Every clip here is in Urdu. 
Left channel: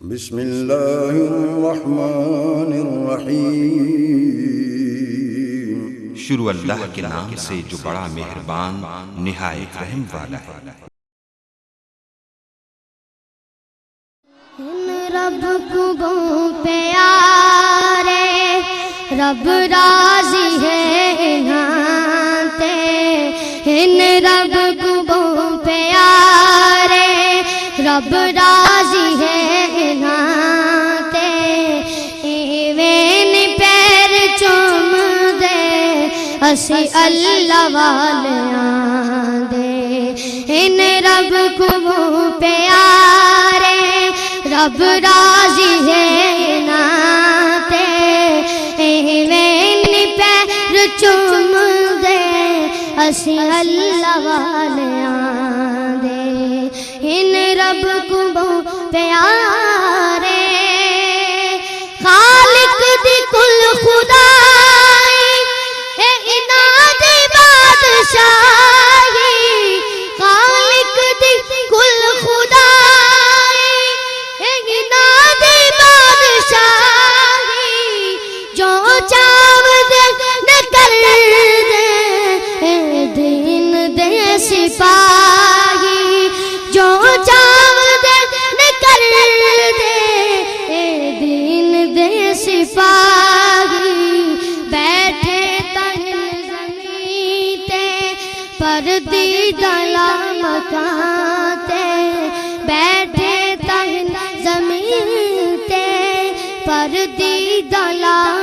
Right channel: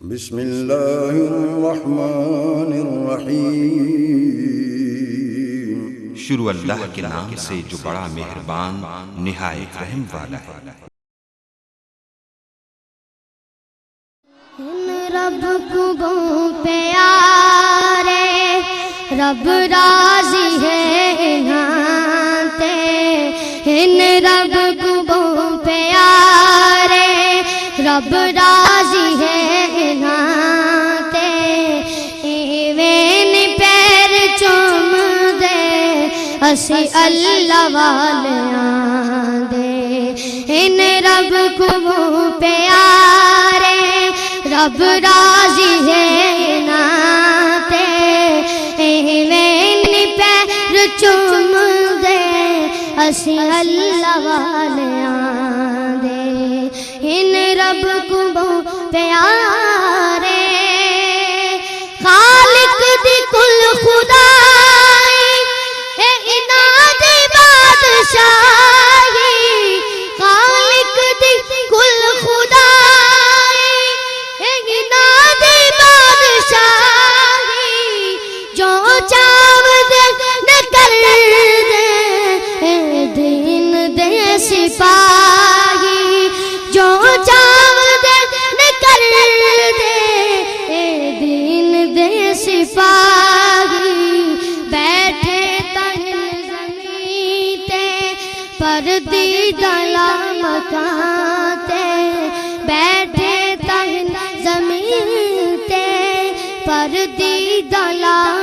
بسم اللہ الرحمن الرحیم۔ شروع اللہ کے نام سے جو بڑا مہربان نہایت رحم والا ہے۔ رب کو پیارے رب راضی ہے نہاتے، ان رب کو پیارے رب راضی ہے نہاتے، ایویں پیر چوم دے اسی اللہ والیاں دے، ان رب کو پیارے رب راضی ہے ناتے، ایویں پیر چوم دے اسی اللہ والیاں دے، ان رب کو پیارے خالق دی کل خدائی اے اناد بادشاہی، خالق دی کل خدائی اے اناد بادشاہی، جو چاو دے نہ کر دے اے دین دے سپاہی، جو چاو دے نہ کر دے اے دین دے سپاہی، بیٹھے تہن زمین تے پردیدہ مکان تے، بیٹھے تہن زمین تے پردیدہ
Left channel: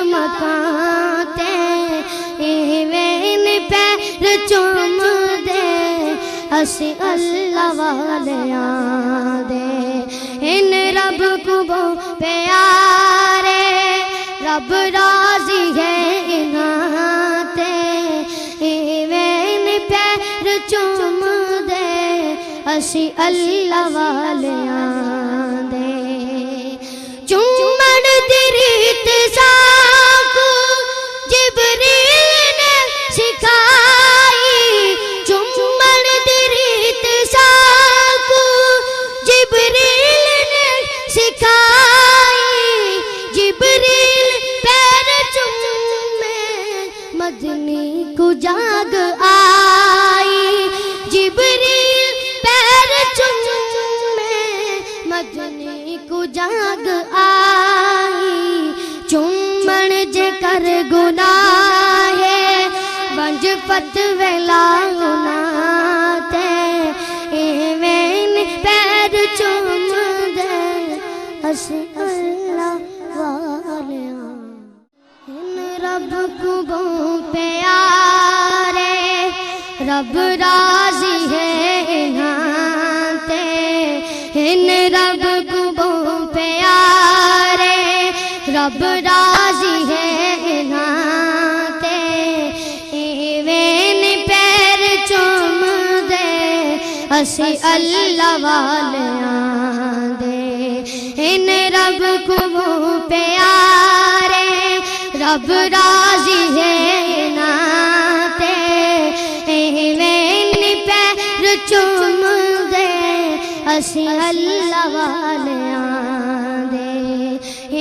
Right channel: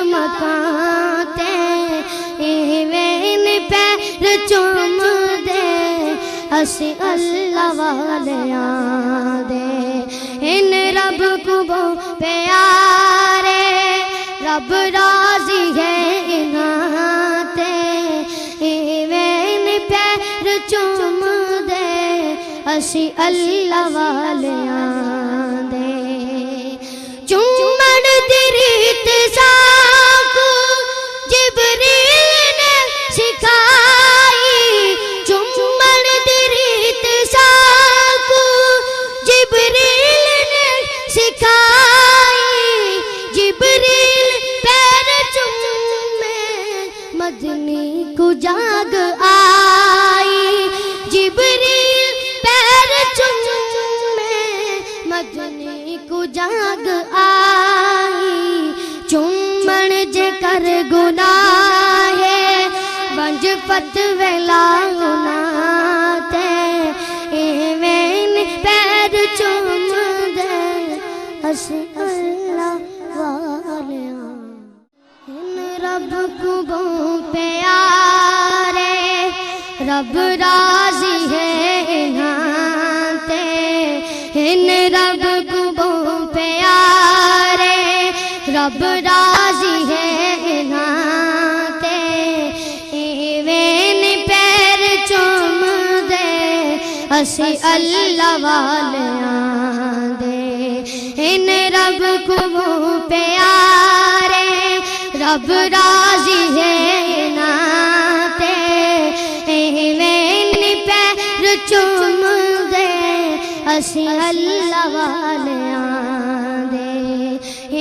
مکان تے، ایویں پیر چوم دے اسی اللہ والیاں دے، ان رب کو پیارے رب راضی ہے نہاتے، ایویں پیر چوم دے اسی اللہ والیاں دے، چومن دی ریت ساکو جبریل نے سکھائی، چومن دی ریت ساکو جبریل نے سکھائی، جبریل پیر چومے مدنی کو جاگ آئی، جبریل پیر چومے مدنی کو جاگ آئی، چومن جے کر گناہ ونج فتوی لاؤنا تے، ایویں پیر چوم دے اسی اللہ والیاں، ان رب کو پیارے رب راضی ہے نہاتے، ان رب کو پیارے رب راضی ہے نہاتے، ایویں پیر چوم دے اسی اللہ والیاں دے، ان رب کو پیارے رب راضی ہے نہاتے، ایویں پیر چوم دے اسی اللہ والیاں دے،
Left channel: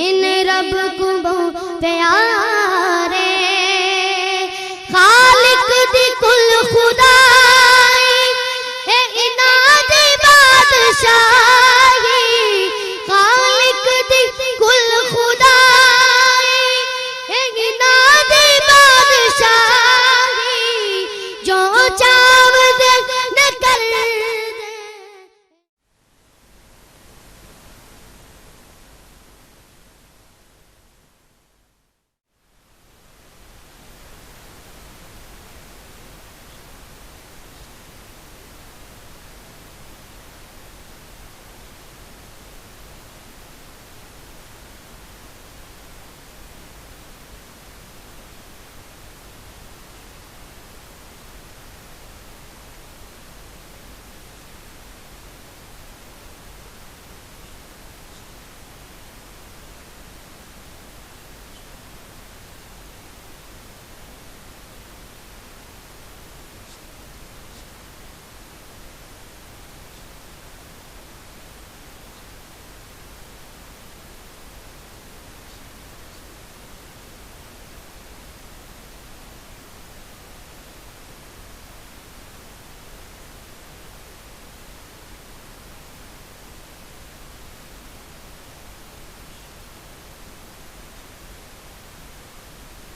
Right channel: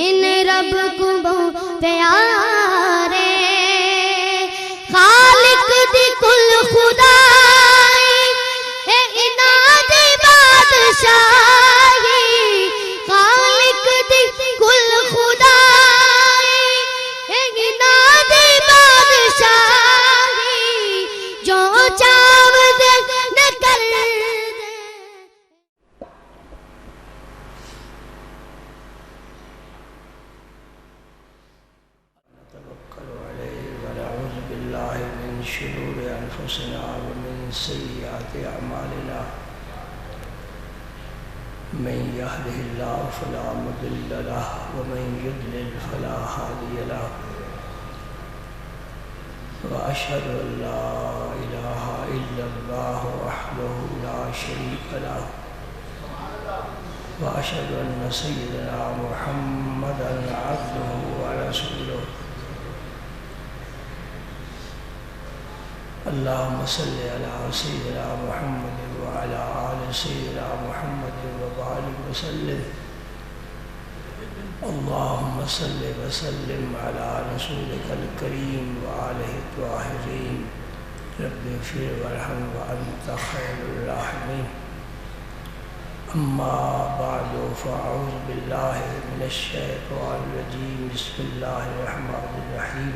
ان رب کو پیارے خالق دی کل خدائی اے اناد بادشاہی، خالق دی کل خدائی اے اناد بادشاہی، جو چاو دے نہ کر دے۔ شرور انفسنا ومن سیئات اعمالنا، من يهده الله فلا مضل له ومن يضلل فلا هادي له، واشهد ان لا اله الا الله وحده لا شريك له، واشهد ان سيدنا محمدا عبده ورسوله، اللهم صل على سيدنا محمد وعلى آل سيدنا محمد وبارك وسلم اللهم صل وسلم على رسولك الكريم وآله الطاهرين رب اغفر وارحم وأنت خير الراحمين أما بعد فأعوذ بالله من الشيطان الرجيم بسم الله الرحمن الرحيم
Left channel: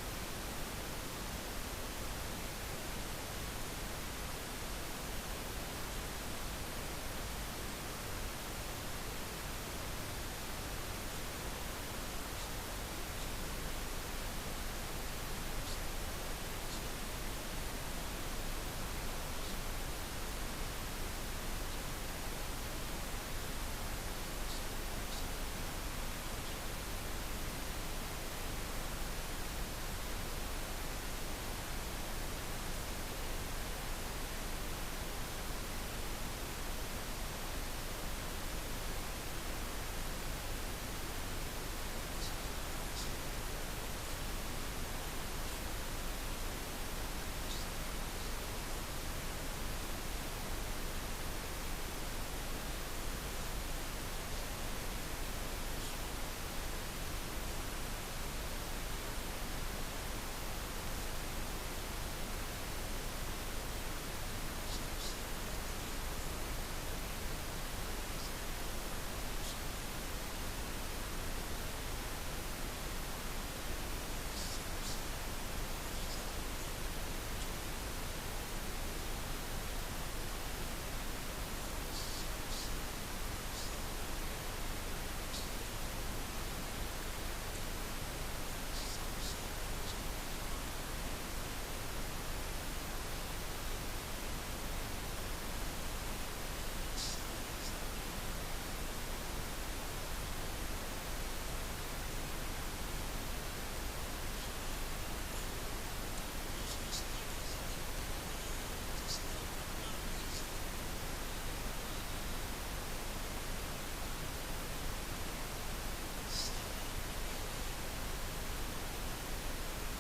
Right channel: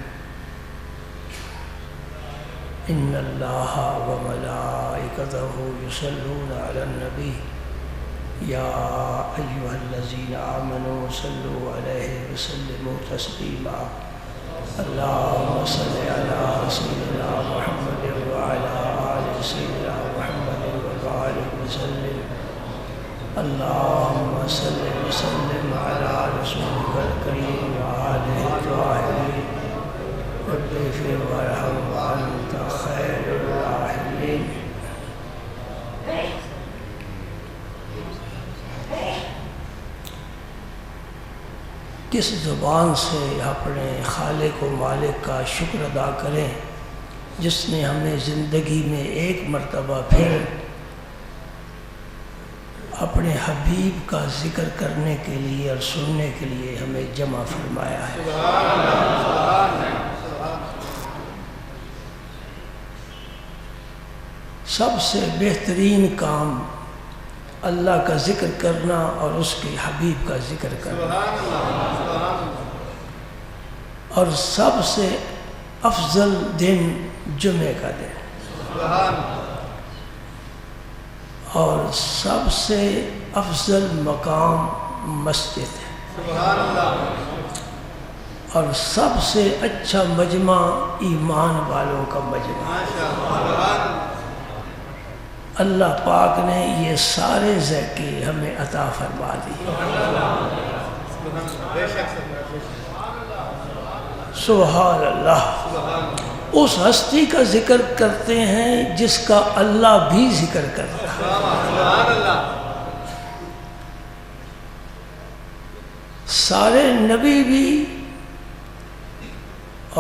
إن الله وملائكته يصلون على النبي يا أيها الذين آمنوا صلوا عليه وسلموا تسليما اللهم صل على سيدنا محمد وعلى آل سيدنا محمد وبارك وسلم اللهم صل وسلم على رسولك الكريم وآله الطاهرين رب اغفر وارحم وأنت خير الراحمين کس زبان سے اپنے خالق و مالک کا شکر ادا کریں جس نے ہمیں زندگی میں ایک مرتبہ پھر اپنے حبیب کا ذکر کرنے کے لیے اور سننے کے لیے ہمیں جمع فرمایا ہے۔ سب سے بہترین کام اللہ کا ذکر کرنا اور اس کے حبیب کا ذکر کرنا، اور سب سے افضل دن جمعہ کا دن، اور سب سے افضل مقام مسجد ہے، اور سب سے اچھا مجمع ایمان والوں کا مجمع۔ اللہ پاک نے یہ سارے ذائقے ہمیں عطا فرما دی۔ سبحان اللہ۔ اس ہستی کا ذکر کرتے ہیں جس کا اللہ بھی ذکر کرتا ہے۔ سارے نبی بھی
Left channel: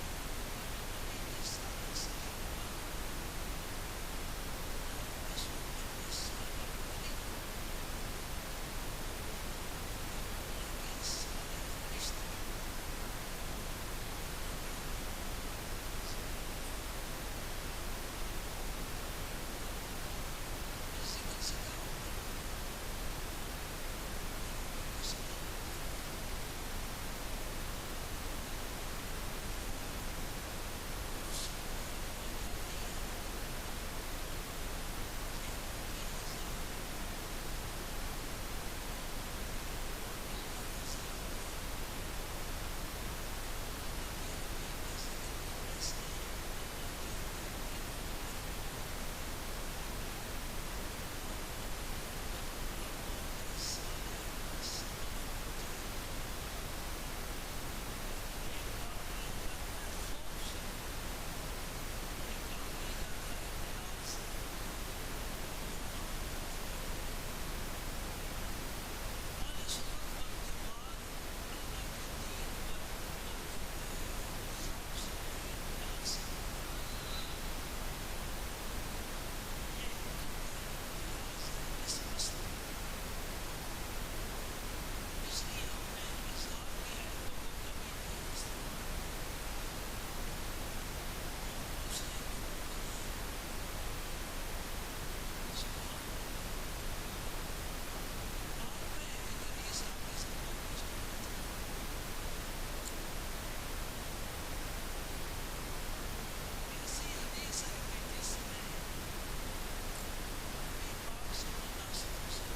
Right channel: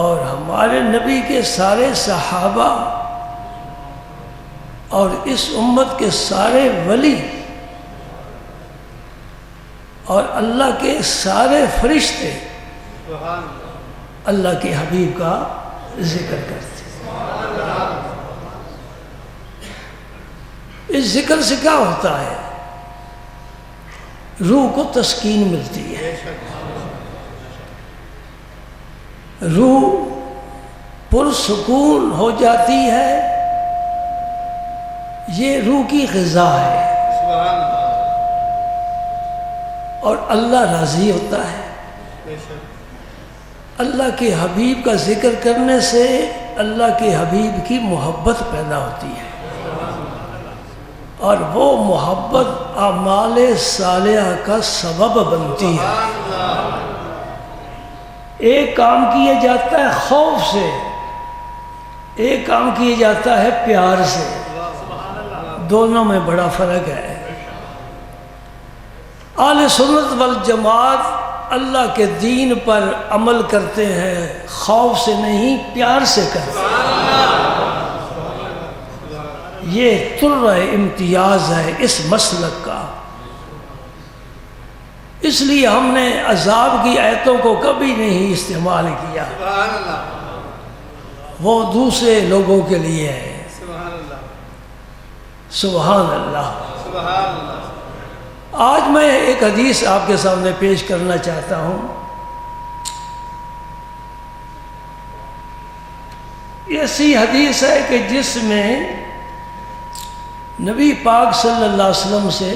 اور ہمارے نبی کے سارے صحابہ اور اس امت کے سارے ولی اور اللہ کے سارے فرشتے اللہ کے حبیب کا ذکر کرتے ہیں۔ اس ذکر سے کیا ہوتا ہے؟ روح کو تسکین ملتی ہے، روح پرسکون ہو جاتی ہے، یہ روح کی غذا ہے، اور اللہ راضی ہوتا ہے۔ اللہ کے حبیب کا ذکر کرنے سے اللہ کے حبیب کی محبت پیدا ہوتی ہے، اور وہ محبت اعمال صالحہ کا سبب بنتی ہے۔ ایک کام کیا جاتا ہے خوف سے، ایک کام کیا جاتا ہے پیار سے، دونوں میں بڑا فرق ہے۔ اہل سنت والجماعت اللہ کے دین پر عمل کرتے ہیں، خوف سے نہیں پیار سے کرتے ہیں۔ یہ طرح امتیاز ہے اس مسلک کا۔ اس لیے ہم نے عذاب کی آیتوں کو کبھی نہیں استعمال کیا، وہ دوسرے لوگوں کے لیے ہے۔ سبحان اللہ۔ آج میں ایک حدیث آپ کے سامنے پیش کرنا چاہتا ہوں۔ ایسی حدیث ہے کہ جس میں نبی پاک صلی اللہ علیہ وسلم سے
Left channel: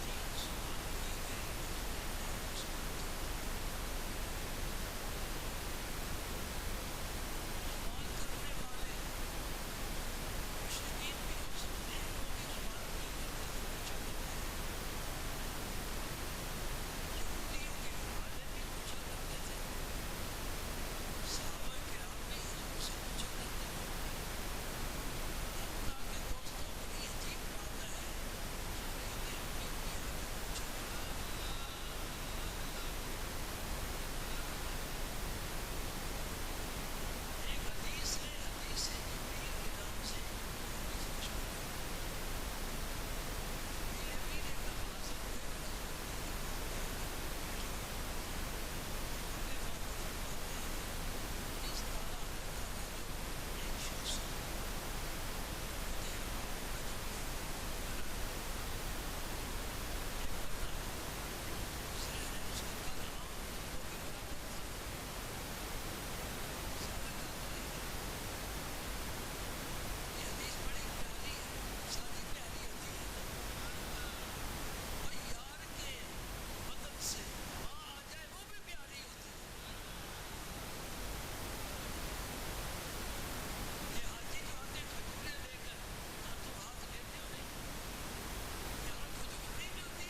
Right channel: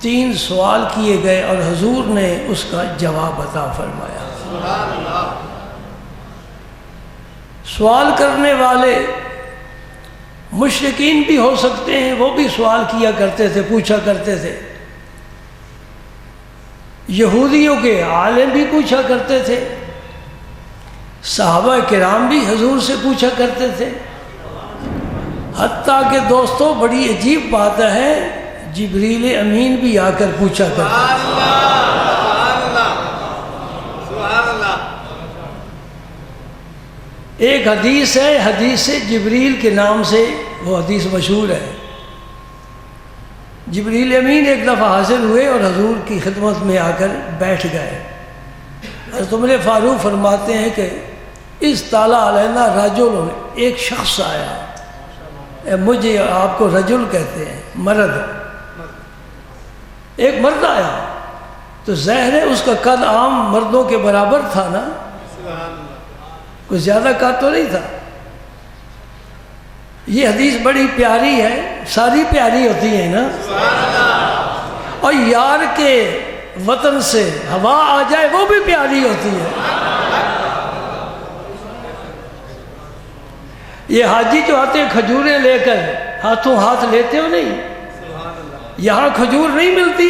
3 سوال کیے گئے اور حضور نے اس کا جواب عطا فرمایا۔ سوال کرنے والے مشرکین بھی ہو سکتے ہیں، وہ بھی سوال کیا کرتے تھے، پوچھا کرتے تھے۔ یہودیوں کے عالم بھی پوچھا کرتے تھے، صحابہ کرام بھی حضور سے پوچھا کرتے تھے، حتیٰ کہ دوستوں بڑی عجیب بات ہے، جبریل امین بھی آ کر پوچھا کرتے تھے۔ ایک حدیث ہے، حدیث جبریل کے نام سے وہ حدیث مشہور ہے۔ جبریل امین ایک دفعہ حاضر ہوئے اور حضور کی خدمت میں آ کر بیٹھ گئے۔ حضرت عمر فاروق فرماتے ہیں کہ اس طالع علینا رجل، ایک شخص آیا، مجھے آپ کو رجل کہتے ہیں، مرد، ایک مرد آیا تو ظاہر ہے اس کا قد عام مردوں کے برابر تھا نا، کوئی زیادہ قد تو نہیں تھا۔ یہ حدیث بڑی پیاری ہے، ساری پیاری ہوتی ہے نا، اور یار کے وطن سے ہوا آ جائے وہ بھی پیاری ہوتی ہے۔ یہ حاجی جو آتے ہیں کھجوریں لے کر، ہاتھوں ہاتھ لیتے ہو نہیں، یہاں کھجور نہیں ملتی،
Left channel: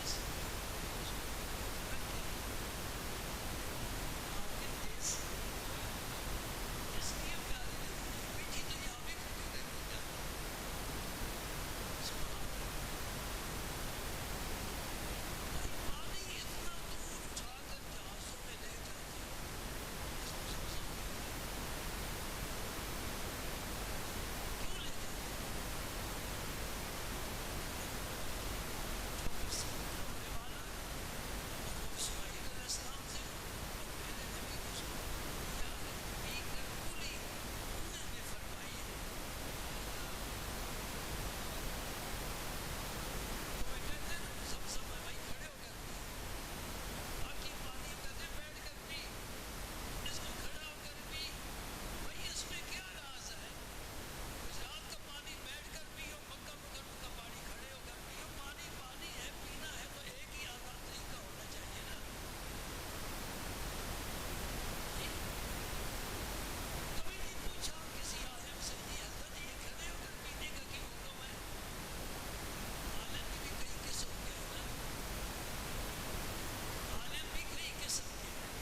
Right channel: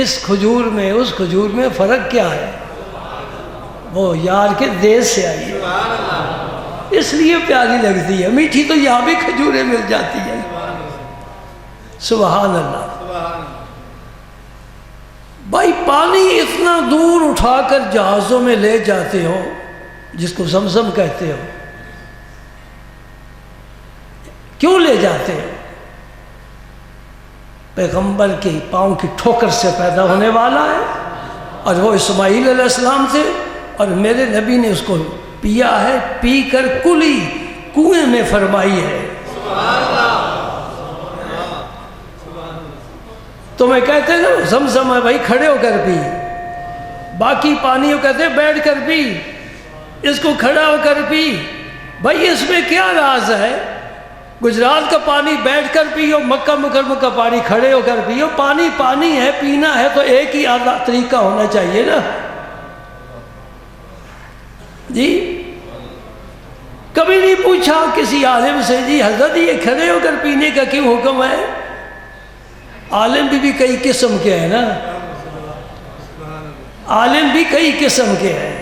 اس کھجور میں اس کھجور میں فرق کیا ہے؟ وہ یار کے دیس سے آئی ہے، اس لیے پیاری لگتی ہے۔ میٹھی تو یہاں بھی کھجوریں مل جاتی ہیں۔ سبحان اللہ۔ بھائی پانی اتنا دور اٹھا کر جہازوں میں لے جاتے ہو، جس کو زمزم کہتے ہو، کیوں لے جاتے ہو؟ پیغمبر کے پاؤں کی ٹھوکر سے پیدا ہونے والا ہے، اور وہ اسماعیل علیہ السلام تھے، اور میرے نبی نے اس کو پیا ہے، پی کر کلی کنویں میں فرمائی ہے۔ تو میں کہتے ہیں نا زمزم ہے بھائی کھڑے ہو کر پی، باقی پانی کہتے ہیں بیٹھ کر پی، اس کو کھڑا ہو کر پی۔ بھائی اس میں کیا راز ہے؟ گجرات کا پانی بیٹھ کر پیو، مکہ مکرمہ کا پانی کھڑے ہو کر پیو، پانی پانی ہے، پینا ہے تو ایک ہی طریقہ ہونا چاہیے نا جی۔ کبھی نہیں پوچھا کسی عالم سے جی حضرت یہ کھڑے ہو کر پینے کا کیوں حکم ہے؟ عالم بھی کئی قسم کے ہیں نا، عالم بھی کئی قسم کے ہیں،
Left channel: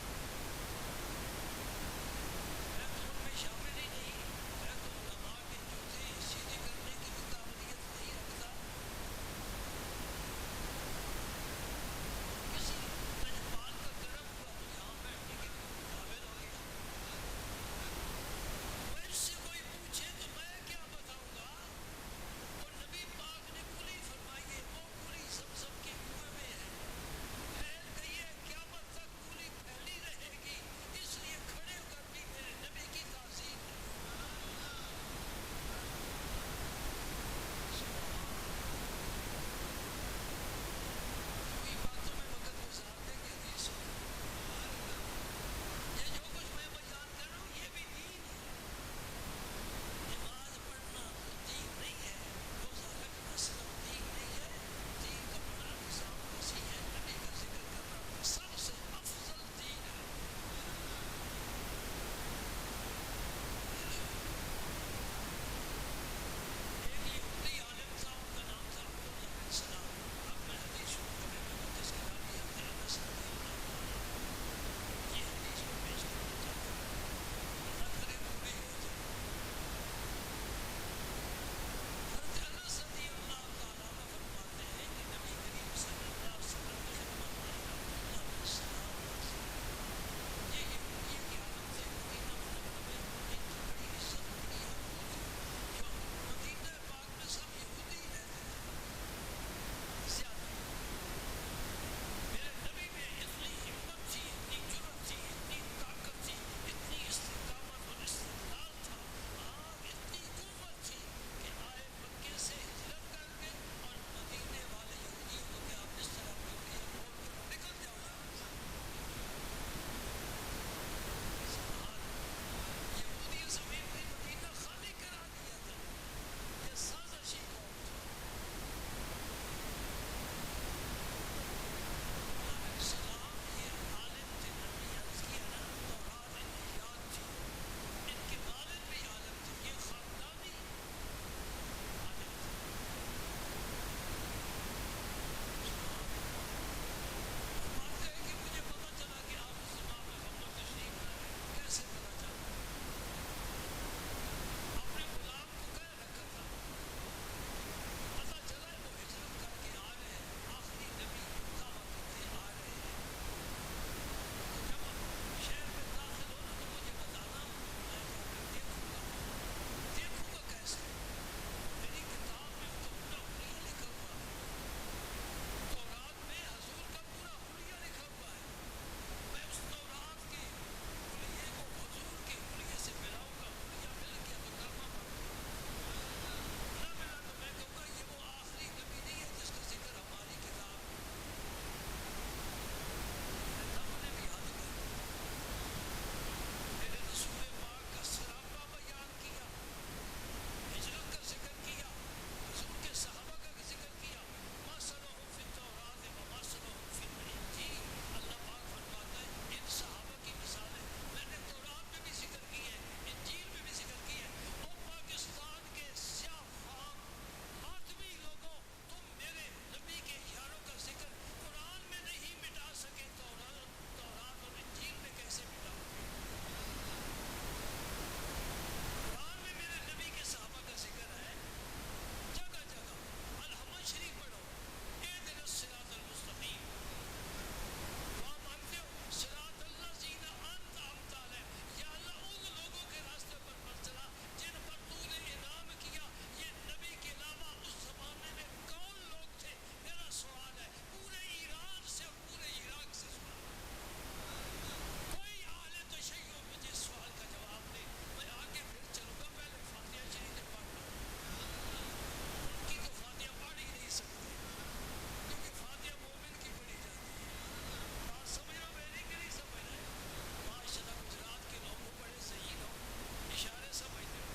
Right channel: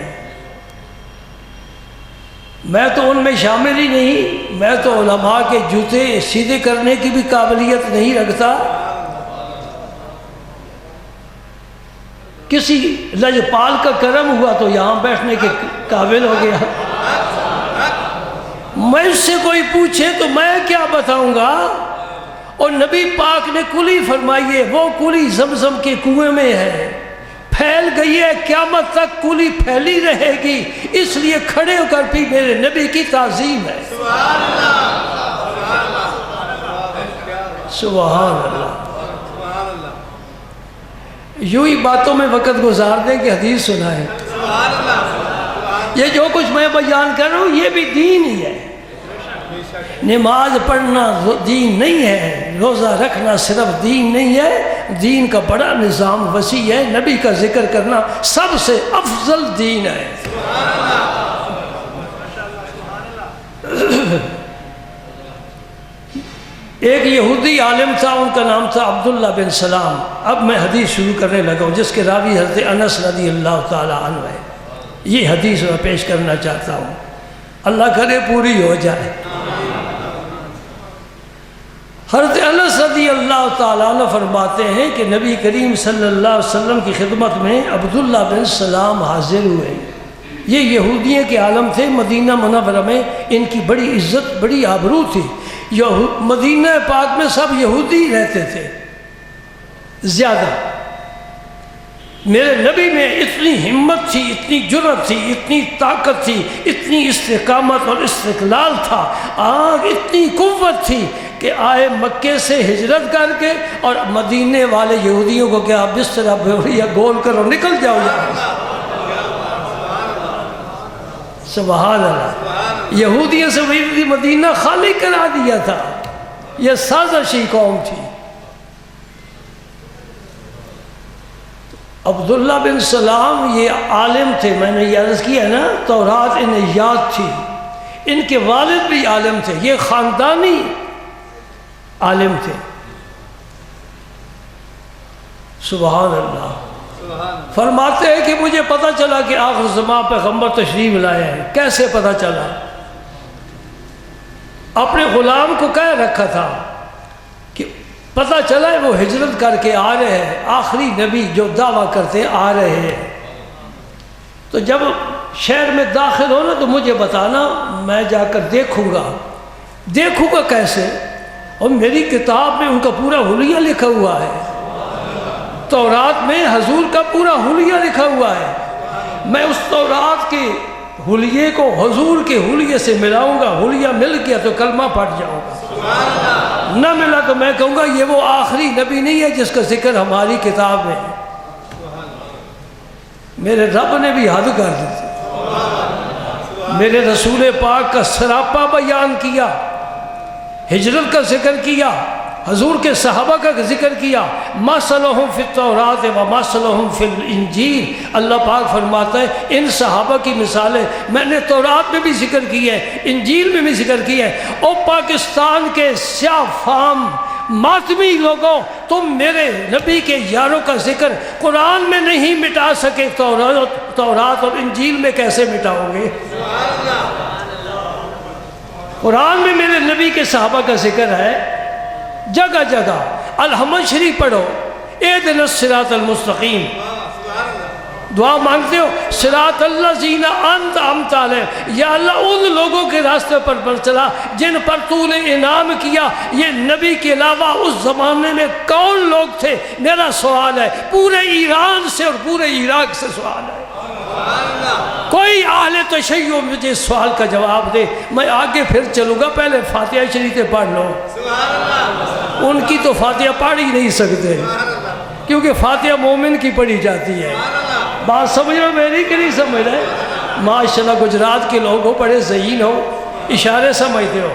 میں تو ان میں شامل ہی نہیں، میں تو علماء کے جوتے سیدھے کرنے کی بھی قابلیت نہیں رکھتا، کسی لجپال کا کرم ہوا تو یہاں بیٹھنے کے قابل ہو گیا۔ میں اس سے کوئی پوچھے تو میں کیا بتاؤں گا؟ اور نبی پاک نے کلی فرمائی ہے، وہ کلی زمزم کے کنویں میں ہے، پھیل گئی ہے، قیامت تک کلی پھیلی رہے گی، اس لیے کھڑے ہو کر بھی میرے نبی کی تعظیم ہے۔ سبحان اللہ۔ یوں ہی باتوں میں وقت گزار دیں کہ حدیث سنائیں۔ یہ جو کچھ میں بیان کر رہا ہوں یہ بھی دین ہی ہے۔ نماز پڑھنا دین نہیں ہے، روزہ رکھنا صرف دین نہیں ہے، دین کا بڑا نظام وسیع ہے، نبی کا ذکر کرنا سب سے افضل دین ہے۔ ایک یہودی عالم تھا، ان کا نام تھا عبداللہ بن سلام۔ اب میں حدیث شروع کرنے لگا ہوں جس کے راوی حضرت انس رضی اللہ تعالی عنہ ہے۔ یہ حدیث میں پیش کرنا چاہتا ہوں، اللہ کرے پوری ہو جائے۔ حضرت انس رضی اللہ تعالیٰ عنہ فرماتے ہیں کہ نبی کریم صلی اللہ علیہ وسلم کی خدمت میں عبداللہ بن سلام حاضر ہوئے۔ یہ یہودیوں کے عالم تھے، مدینہ منورہ میں ان کی بڑی عزت بڑی آبرو تھی۔ مدینہ پاک میں سب یہودی رہتے تھے زیادہ۔ میرے نبی میں اتنی ہمت تھی، اتنی جرأت تھی، اتنی طاقت تھی، اتنی استقامت اور استقلال تھا، آگ اتنی قوت تھی کہ آئے مکے سے ہجرت کر کے اور مدینے والے یہودیوں کو کہ آپ بستر بوریا گول کرو نکل جاؤ یہاں۔ سبحان اللہ۔ یہودیوں سے وہی مدینہ خالی کرا دیا تھا، یہ سازشی قوم تھی۔ عبداللہ بن سلام یہ عالم تھے، میں نے یہ عرض کیا نا تورات انہیں یاد تھی، ان کے والد بھی عالم تھے، یہ خاندانی عالم تھے۔ سبحان اللہ۔ فرماتے ہیں کہ مجھے پتہ چلا کہ آخر زمان پیغمبر تشریف لائے ہیں۔ کیسے پتہ چلا؟ اپنے غلام کو کہہ رکھا تھا کہ پتہ چلا ہے وہ ہجرت کر کے آ رہے ہیں، آخری نبی جو دعویٰ کرتے آ رہے ہیں، تو جب شہر میں داخل ہونا تو مجھے بتانا، میں جا کر دیکھوں گا کیسے؟ اور میری کتاب میں ان کا پورا حلیہ لکھا ہوا ہے، تورات میں حضور کا پورا حلیہ لکھا ہوا ہے، میں اس تورات کے حلیے کو حضور کے حلیے سے ملاؤں گا، حلیہ مل گیا تو کلمہ پڑھ جاؤں گا، نہ ملا تو میں کہوں گا یہ وہ آخری نبی نہیں ہے جس کا ذکر ہماری کتاب میں ہے۔ میرے رب نے بھی حد کر دی تھی، میرے رسول پاک کا سراپا بیان کیا، ہجرت کا ذکر کیا، حضور کے صحابہ کا ذکر کیا، مثلہم فی التوراۃ و مثلہم فی الانجیل۔ اللہ پاک فرماتا ہے ان صحابہ کی مثالیں میں نے تورات میں بھی ذکر کی ہے، انجیل میں بھی ذکر کی ہے۔ او پاکستان کے سیاہ فام ماتمی لوگوں، تم میرے نبی کے یاروں کا ذکر قرآن میں نہیں مٹا سکے، تورات اور انجیل میں کیسے مٹاؤ گے؟ قرآن میں میرے نبی کے صحابہ کا ذکر ہے جگہ جگہ۔ الحمد شریف پڑھو، اہدنا الصراط المستقیم، دعا مانگتے ہو صراط الذین انعمت علیہم، یا اللہ ان لوگوں کے راستے پر چلا جن پر تو نے انعام کیا۔ یہ نبی کے علاوہ اس زمانے میں کون لوگ تھے؟ میرا سوال ہے، پورے ایران سے اور پورے عراق سے سوال ہے۔ کوئی اہل تشیع مجھے سوال کا جواب دے، میں آگے پھر چلوں گا، پہلے فاتحہ شریف پڑھ لو۔ ان کی تو فاتحہ پڑھ ہی نہیں سکتے کیونکہ فاتحہ مومن کی پڑھی جاتی ہے۔ بات سمجھ رہے میری کہ نہیں سمجھ رہے؟ ماشاءاللہ گجرات کے لوگ ہو، بڑے ذہین ہو، اشارے سمجھتے ہو۔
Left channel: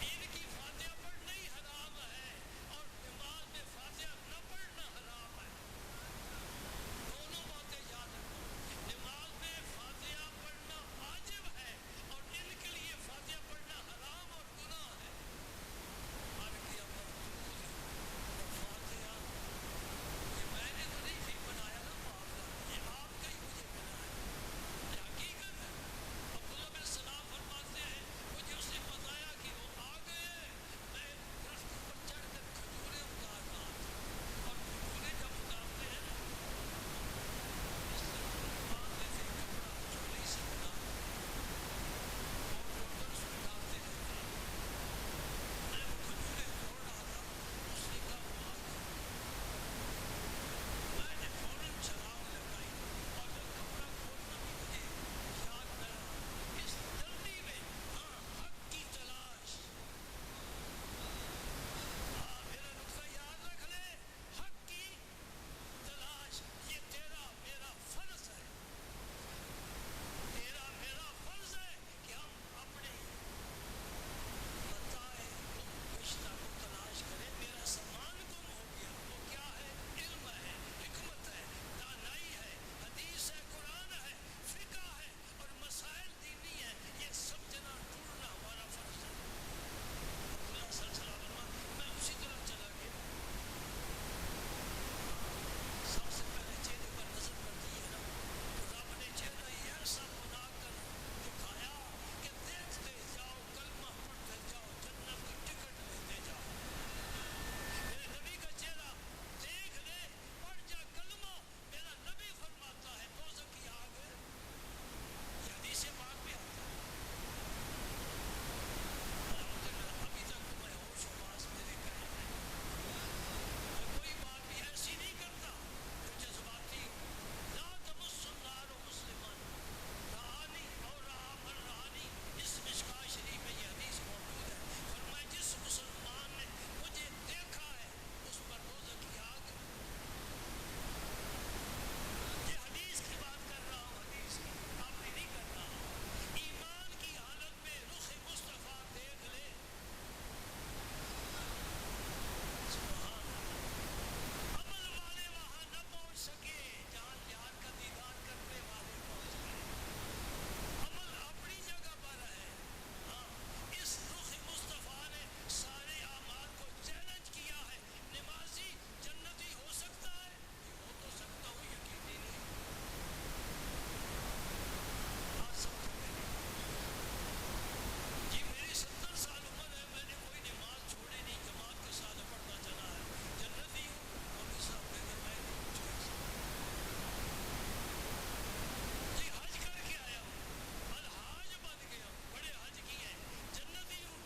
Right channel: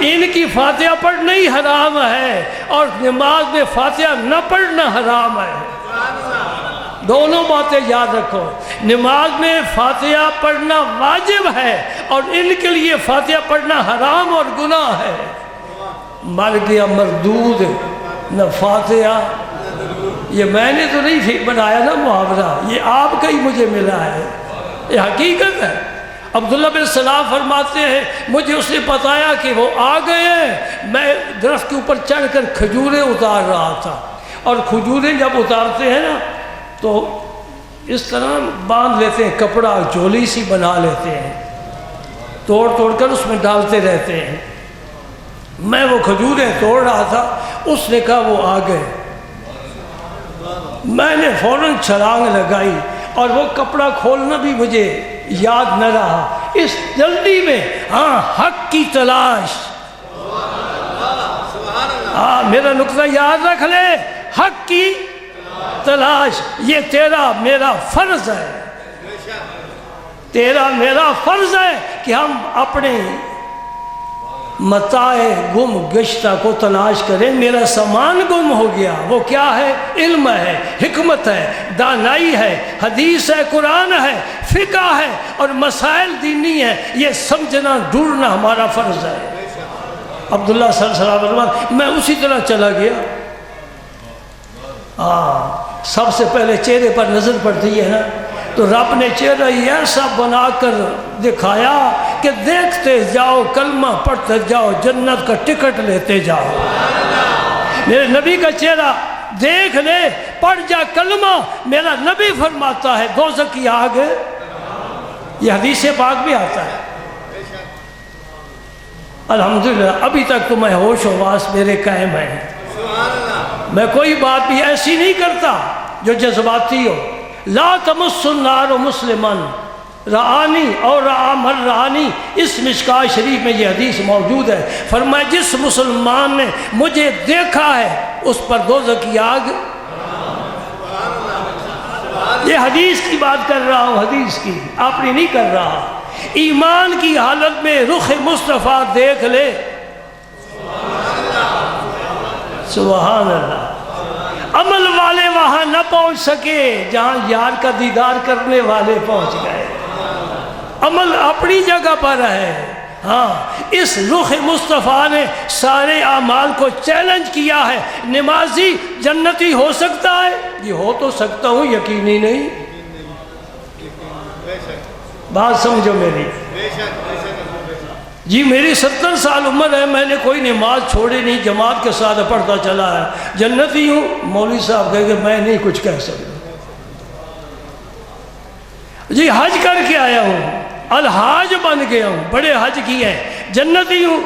ان کی فاتحہ پڑھنا ہی حرام ہے اور نماز میں فاتحہ نہ پڑھنا حرام ہے۔ دونوں باتیں یاد رکھو، نماز میں فاتحہ پڑھنا واجب ہے اور ان کے لیے فاتحہ پڑھنا حرام اور گناہ ہے۔ مر گیا مردود نہ فاتحہ، یہ میں نے تو نہیں بنایا نا محاورہ، یہ آپ کا ہی مجھے ملا ہے، یہ حقیقت ہے۔ عبداللہ بن سلام فرماتے ہیں مجھے اس نے بتایا کہ وہ آ گئے ہیں، میں درخت کے اوپر چڑھ کر کھجوریں اتار رہا تھا، اور کھجوریں جب اتارتے ہیں نا تو اس طرح باندھ لیتے ہیں، کپڑا جولی سی بنا لیتے ہیں، توڑ توڑ کر اس میں ڈالتے رہتے ہیں۔ میں وہ کھجوریں توڑ رہا تھا، اس نے کہا وہ آ گئے، میں نے فوراً چھلانگ لگائی اور وہ کپڑا کھولنا بھی مجھے یاد نہ رہا، اس جلدی میں ہاں حق کی تلاش، ہاں میرا نقطہ یاد رکھ لے، حق کی تلاش، یہ تیرا میرا فرض ہے، تیرا میرا فرض ہے کہ ہم اپنے متاع گم گشتہ کو تلاش کریں۔ میرا سامان گم ہو گیا، وہ کیا ہے؟ علم ہے، حکمت ہے، دانائی ہے، حدیث ہے، قرآن ہے، فقہ ہے اور مسائل دینی ہے، یہ سمجھنا ڈھونڈنا ہمارا فرض ہے۔ عبداللہ صلی اللہ علیہ وسلم میں اسی طرح چلا گیا، سب سے پہلے چہرے پر نظر پڑتی ہے نا، تو رب نے چہرہ ایسا بنا کر دکھایا کہ دیکھتے جاؤ، کلمہ پڑھتے جاؤ، جنت کا ٹکٹ لیتے جاؤ۔ میرے نبی کا چہرہ دیکھ لے، پڑھ جا کلمہ، میرا نبی فرماتا ہے دوزخ کی آگ، یہ حدیث پاک بھی آتا ہے۔ الحمدللہ ابھی تک تو میں ہوش و واس میرے قائم ہیں، میں کوئی بات بھی ایسی نہیں کرتا جو جذباتی ہو۔ لا تمس النار مسلمن رعانی اور رعا من رعانی، اس مشکاۃ شریف میں یہ حدیث موجود ہے، فرمایا جس مسلمان نے مجھے دیکھا ہے اس پر دوزخ کی آگ، یہ حدیث کی بات کر رہا ہوں، حدیث کی، اپنی نہیں کر رہا۔ ایمان کی حالت میں رخ مصطفیٰ دیکھ لے، سبحان اللہ۔ عمل والے وہاں نہ پہنچ سکے جہاں یار کا دیدار کرنے والے پہنچ گئے، عمل اپنی جگہ پر ہے۔ ہاں اس رخ مصطفیٰ نے سارے اعمال کو چیلنج کیا ہے، نمازی جنتی ہو سکتا ہے؟ یہ ہو تو سکتا ہوں، یقینی نہیں۔ بات سمجھو میری، جی میری 70 سال عمر ہے، میں نے کوئی نماز چھوڑی نہیں، جماعت کے ساتھ پڑھتا چلا ہے، جنتی ہوں؟ مولوی صاحب کہے کہ میں نہیں کچھ کہہ سکتا۔ جی حج کر کے آیا ہوں، الحاج بن گیا ہوں، بڑے حج کیے ہیں، جنتی ہوں؟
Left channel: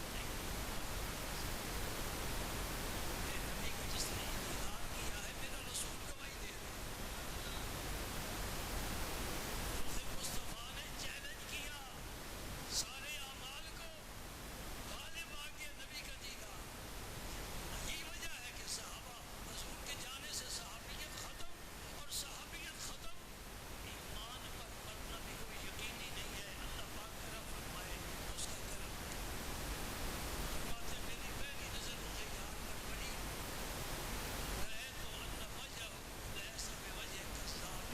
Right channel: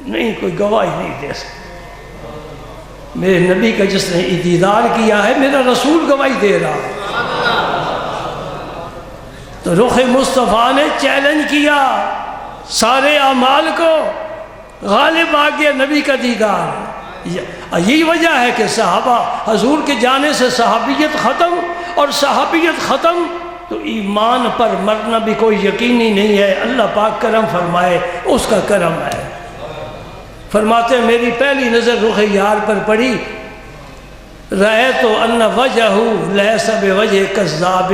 نہیں کوئی گواہی نہیں دے سکتا۔ میرے نبی کا جس نے دیدار کیا ہے میرا رسول گواہی دے رہا ہے۔ تو رخ مصطفیٰ نے چیلنج کیا سارے اعمال کو، غالب آ گیا نبی کا دیدار۔ یہی وجہ ہے کہ صحابہ حضور کے جانے سے صحابیت ختم، اور صحابیت ختم تو ایمان پر مرنا بھی کوئی یقینی نہیں ہے۔ اللہ پاک کرم فرمائے، اس کا کرم ہے۔ فرماتے ہیں میری پہلی نظر رخ یار پر پڑی، رأیت ان وجہہ لیس بوجہ کذاب،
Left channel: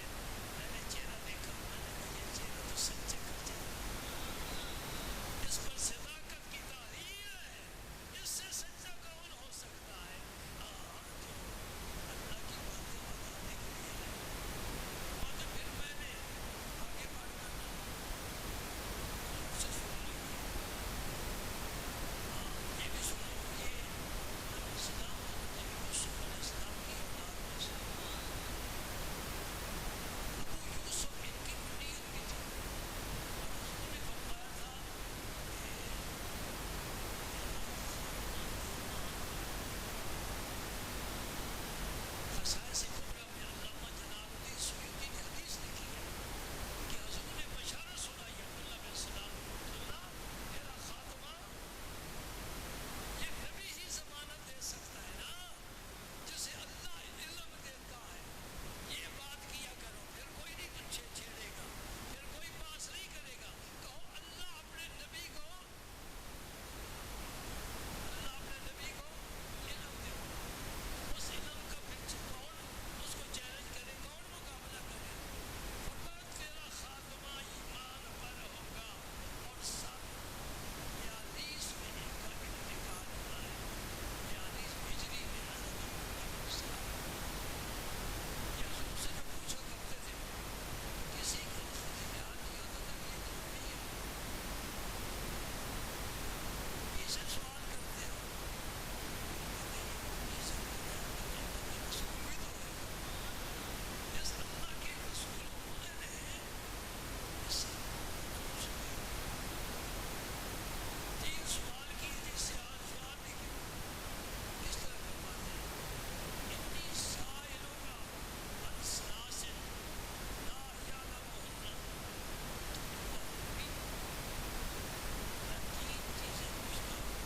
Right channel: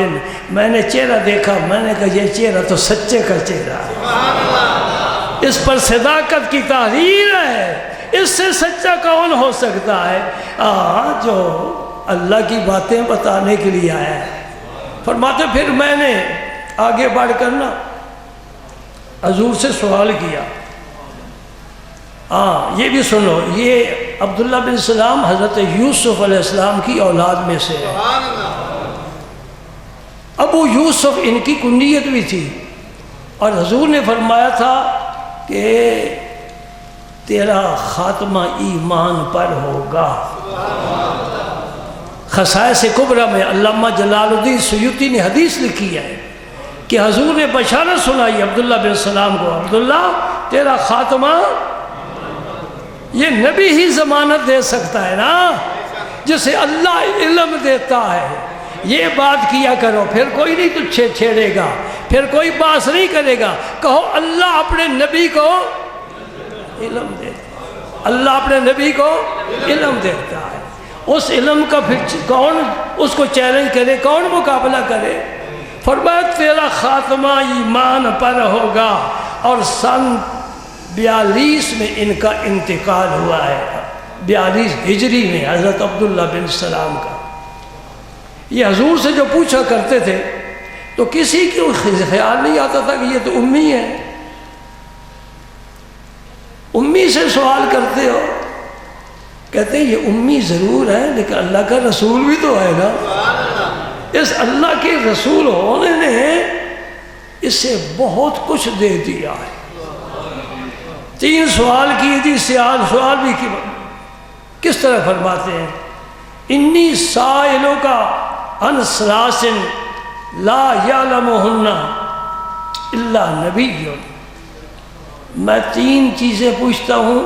میں نے چہرہ دیکھا، میں نے کہا یہ چہرہ تو سچے کا چہرہ ہے، اس پر صداقت کی تحریر ہے، اس سے سچا کون ہو سکتا ہے؟ جو اللہ کی باتیں بتانے کے لیے آیا ہے۔ فرماتے پھر میں نے آگے بڑھ کر نا حضور سے سوال کیا۔ یہ بھی سنو، یہ عبداللہ بن سلام حضرت یوسف علیہ السلام کی اولاد میں سے ہے۔ ابو یوسف ان کی کنیت بھی تھی، اور حضور نے فرمایا تھا کہ تیرا خاتمہ ایمان پر ہوگا۔ خصائص کبریٰ میں علامہ جلال الدین سیوطی نے حدیث لکھی ہے کہ حضور نے بشارت سنائی عبداللہ بن سلام کو، عبداللہ تیرا خاتمہ، یہ نبی ہی ضمانت دے سکتا ہے نا، جسے اللہ علم دیتا ہے۔ یہ بات کیا کرو، پھر کوئی نہیں تجھے چھیڑے گا، پھر کوئی باس نہیں کرے گا۔ کہو اللہ اپنے نبی کو علم دیتا، اللہ اپنے نبی کو علم دیتا ہے۔ اس علم کا پھر کون اس کو چیلنج کرے، کون مقابلہ کرے؟ فرمایا تیرا خاتمہ ایمان پر ہوگا۔ اور سن 42 میں ان کا انتقال ہوا ہے، 42 ہجری میں حضرت عبداللہ بن سلام کا۔ یہ حضور سے جو پوچھا کرتے تھے تو کسی کو خیال نہیں آتا تھا کہ یہ تو امی ہے، امی سے سوال کرتے ہو؟ کہتے ہیں یہ امی ضرور ہے لیکن اللہ کا رسول بھی تو ہے نا۔ اس اللہ کے رسول ہونے نے اسے بہت کچھ دے دیا ہے۔ 3 سوال کیے تھی، سوال بھی کی، کس طرح فرماتے ہیں؟ انی سائلوں کا عن ثلاث لا یعلمہن الا نبی، میں 3 چیزیں پوچھتا ہوں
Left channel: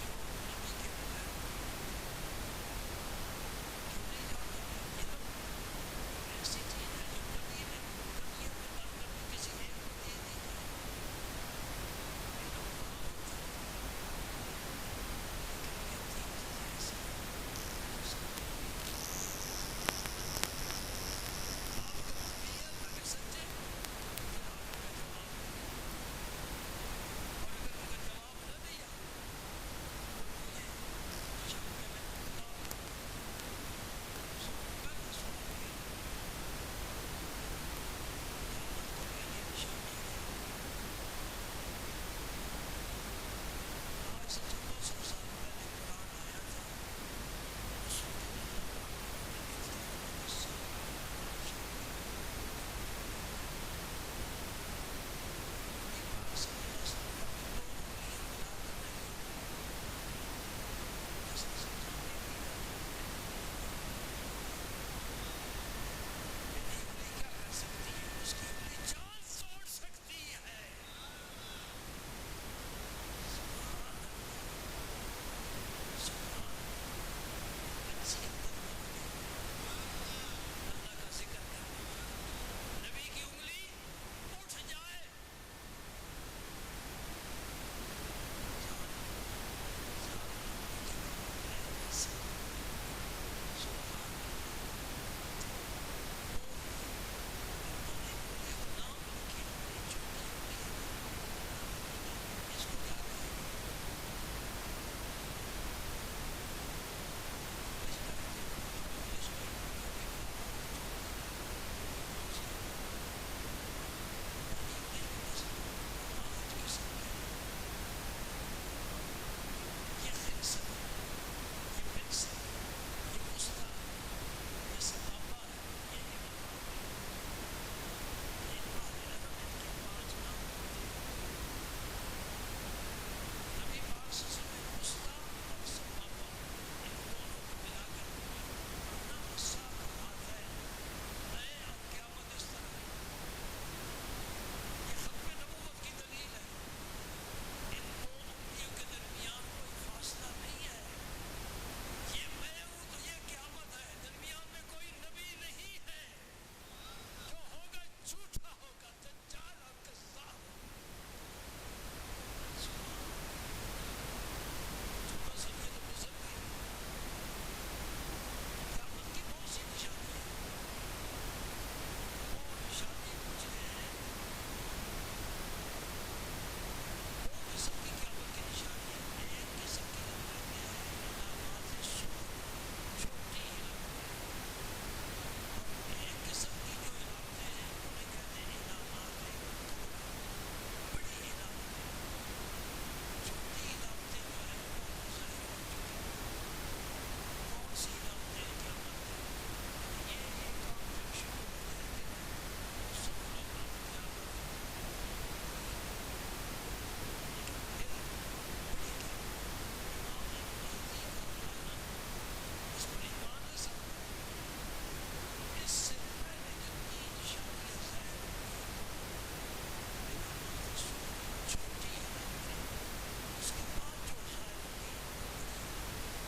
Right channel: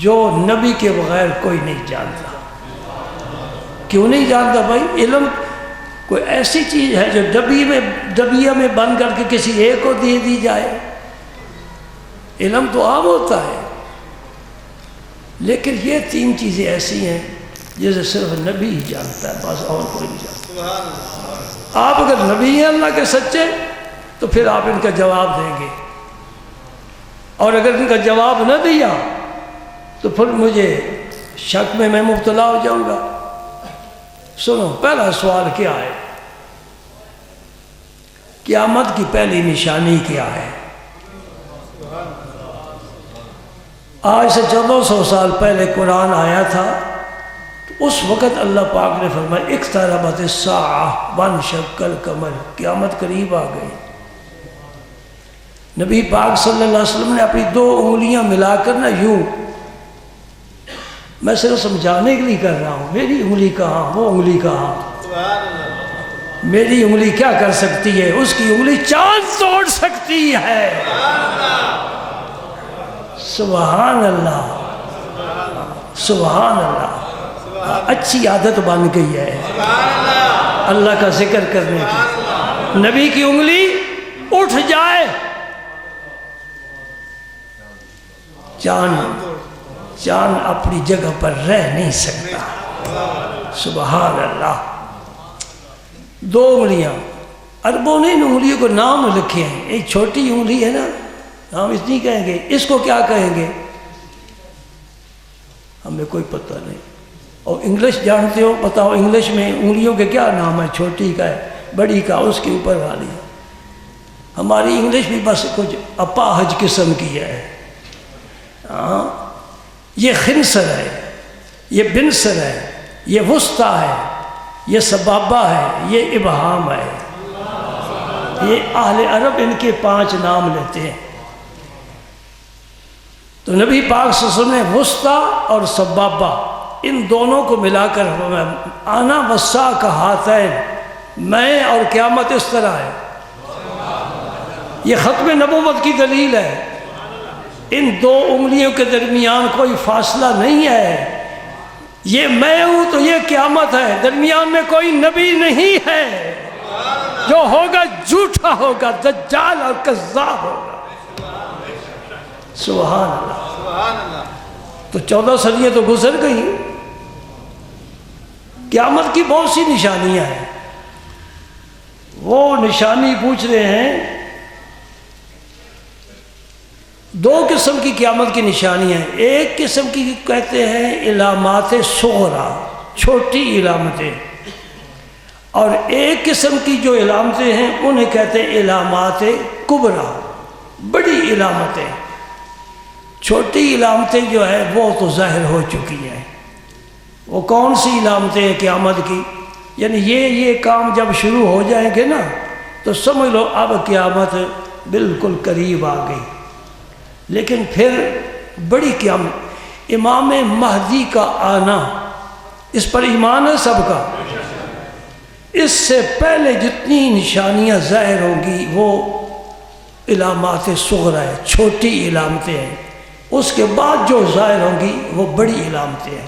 جو نبی کے بغیر کوئی نہیں جانتا۔ کیوں نہیں جانتا بھائی؟ علم کوئی ایسی چیز ہے جو ڈبیہ میں بند کر کے کسی ایک کو دے دی جائے؟ علم تو عام ہوتا ہے، لیکن یہ 3 چیزیں ایسی ہیں جسے صرف نبی ہی جانتا ہے، بس اور کوئی نہیں جانتا۔ آپ اگر نبی ہیں اللہ کے سچے تو پھر آپ ان کا جواب دیں گے، اور اگر ان کا جواب نہ دیا تو پھر مجھے شک میں مبتلا ہو جاؤں گا۔ سنو پہلا سوال کیا ہے؟ قیامت کی پہلی نشانی کیا ہے؟ آج سے 1400 سال پہلے قرآن آیا تھا، اس وقت اللہ پاک نے فرمایا اقتربت الساعہ وانشق القمر، قیامت قریب آ گئی۔ نبی پاک صلی اللہ علیہ وسلم نے اپنی 2 انگلیاں ملا کر نا یوں، میں صرف سمجھانے کے لیے کر رہا ہوں، میری انگلی کہاں وہ انگلی کہاں، میری انگلی کیا کر سکتی ہے؟ اس کی انگلی چاند توڑ سکتی ہے۔ سبحان اللہ، سبحان اللہ، اچھی عادت بن گئی ہے اللہ کا ذکر کرنے کی۔ نبی کی انگلی اٹھ جائے، چاند اپنی جگہ پر رہ نہیں سکتا۔ سبحان اللہ، 2 انگلیاں، عربوں نے ان انگلیوں کو نام لکھے ہیں۔ ایک چھوٹی انگلی ہے نا، ہم اس نہیں کہیں گے، اس کو کیا کہیں گے ہمیں کوئی پتہ نہیں۔ اور انگلش جانتے ہو؟ بتاؤ انگلش میں انگلیوں کے کیا نام ہے؟ چھوٹی کا ہے، بڑی کا، اس کے اوپر والی۔ ہماری انگلش بھی بس کچھ اپاہج قسم کی ہے۔ یہ خنصر ہے، یہ بنصر ہے، یہ وسطیٰ ہے، یہ سبابہ ہے، یہ ابہام ہے۔ یہ اہل عرب ان کے 5 نام لیتے ہیں۔ تو نبی پاک صلی اللہ علیہ وسلم نے وسطیٰ اور سبابہ ان دونوں کو ملا کر آنا وسا کا ہاتھین، میں اور قیامت اس طرح ہے۔ یہ ختم نبوت کی دلیل ہے۔ ان دو انگلیوں کے درمیان کوئی فاصلہ نہیں ہے۔ یہ میں ہوں تو یہ قیامت ہے، درمیان میں کوئی نبی نہیں ہے۔ جو ہوگا جھوٹا ہوگا، دجال اور کذاب ہوگا۔ سبحان اللہ۔ تو 14 صدیاں تو گزر گئی، قیامت کی بہت سی نشانیاں ہیں۔ وہ نشانی پوچھ رہے ہیں، دو قسم کی قیامت کی نشانیاں ہیں۔ ایک قسم کی کہتے ہیں علامات صغرا، چھوٹی علامتیں، اور ایک قسم کی جو علامتیں ہیں انہیں کہتے ہیں علامات کبریٰ، بڑی علامتیں۔ چھوٹی علامتیں جو ہے وہ تو ظاہر ہو چکی ہیں۔ وہ کون سی علامتیں ہیں قیامت کی؟ یعنی یہ کام جب شروع ہو جائیں گے نا تو سمجھ لو اب قیامت بالکل قریب آ گئی۔ لیکن پھر بڑی قیامت، امام مہدی کا آنا، اس پر ایمان ہے سب کا؟ اس سے پہلے جتنی نشانیاں ظاہر ہوں گی وہ علامات صغرا ہے، چھوٹی علامتیں ہیں۔ اس کے بعد جو ظاہر ہوں گی وہ بڑی علامتیں ہیں۔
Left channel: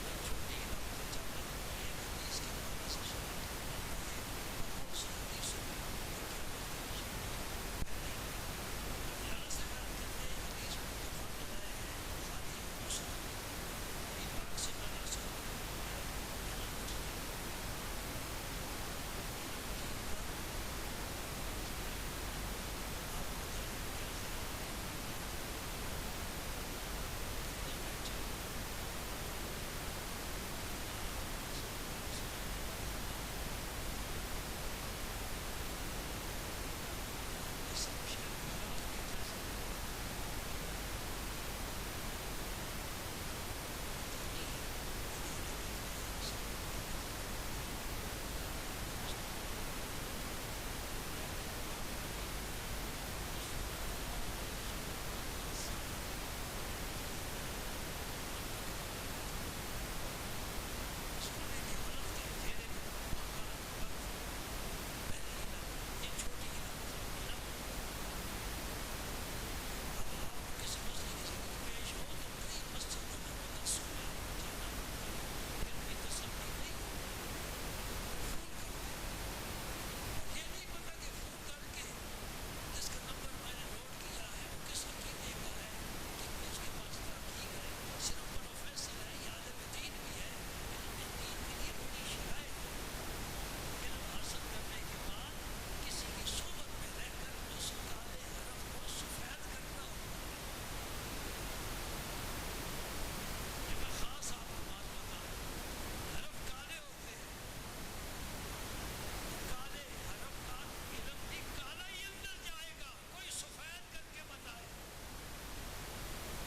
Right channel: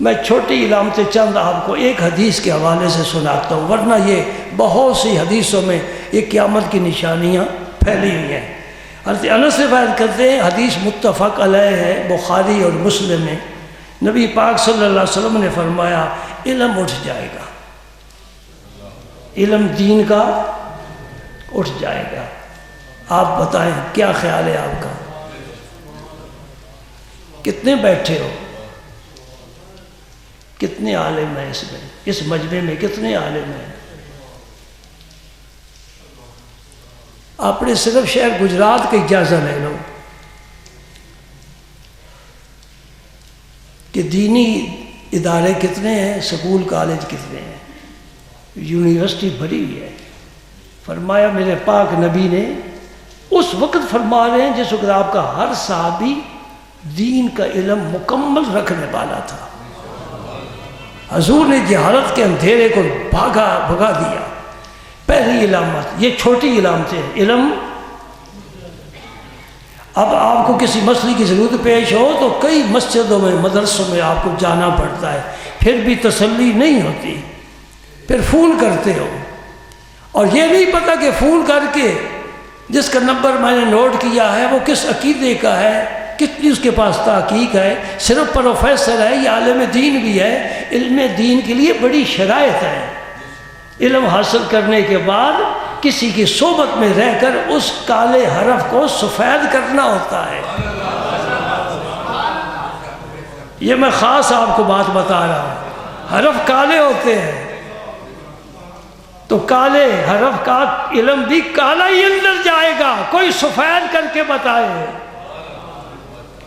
میں چھوٹی علامتیں چند آپ کو ایک حدیث کے حوالے سے سناتا ہوں، ورنہ یہ بہت سی حدیثوں میں یہ قیامت کی نشانیاں پھیلی ہوئی ہیں۔ حضرت انس روایت کرتے ہیں، حدیث متفق علیہ ہے، بخاری اور مسلم میں، نبی پاک صلی اللہ علیہ وسلم نے فرمایا علم اٹھ جائے گا، علم دین کا اٹھ جائے گا۔ آپ بتائیں کیا خیال ہے آپ کا؟ کتنے بیٹھے ہو؟ کتنے عالم ہیں اس میں، اس مجمع میں کتنے عالم ہیں؟ آپ نے صرف شہر گجرات کا اجازہ لے لو کہ دینی ادارے کتنے ہیں، سکول کالج کتنے ہیں، یونیورسٹی بھری ہوئی ہے۔ فرمایا میرے پاک نبی نے اس وقت فرما رہے ہیں جس وقت آپ کا ہر صحابی دین کا علم مکمل رکھنے والا تھا۔ حضور نے جہالت کے اندھیرے کو بھگا دیا۔ پہلی علامت، یہ چھوٹی علامتیں، علم۔ اب آپ کو کسی مسئلے کی ضرورت پیش ہو تو کئی مسجدوں میں، مدرسوں میں آپ کو جانا پڑتا ہے، پھر بھی تسلی نہیں ہوتی، پھر فون کرتے ہو، اور یہ نہیں پتہ کہ فون کر کے جس کا نمبر میں نے نوٹ کیا ہے وہ کس عقیدے کا ہے، کتنی اس کے پاس تحقیق ہے، صرف پروفیسر ہے یا عالم دین بھی ہے۔ علم دین کے لیے بڑی شرائط ہے۔ علم حاصل کرنے کے بعد کسی کی صحبت میں رہ کر اس کالے حرف کو سفید کرنا ہوتا ہے۔ یہ میں خاص آپ کو بات بتا رہا ہوں، حرف کالے ہوتے ہیں تو کالے حرف کا علم بھی کالا ہی اندر جائے گا، کوئی سفید کر کے بتائے۔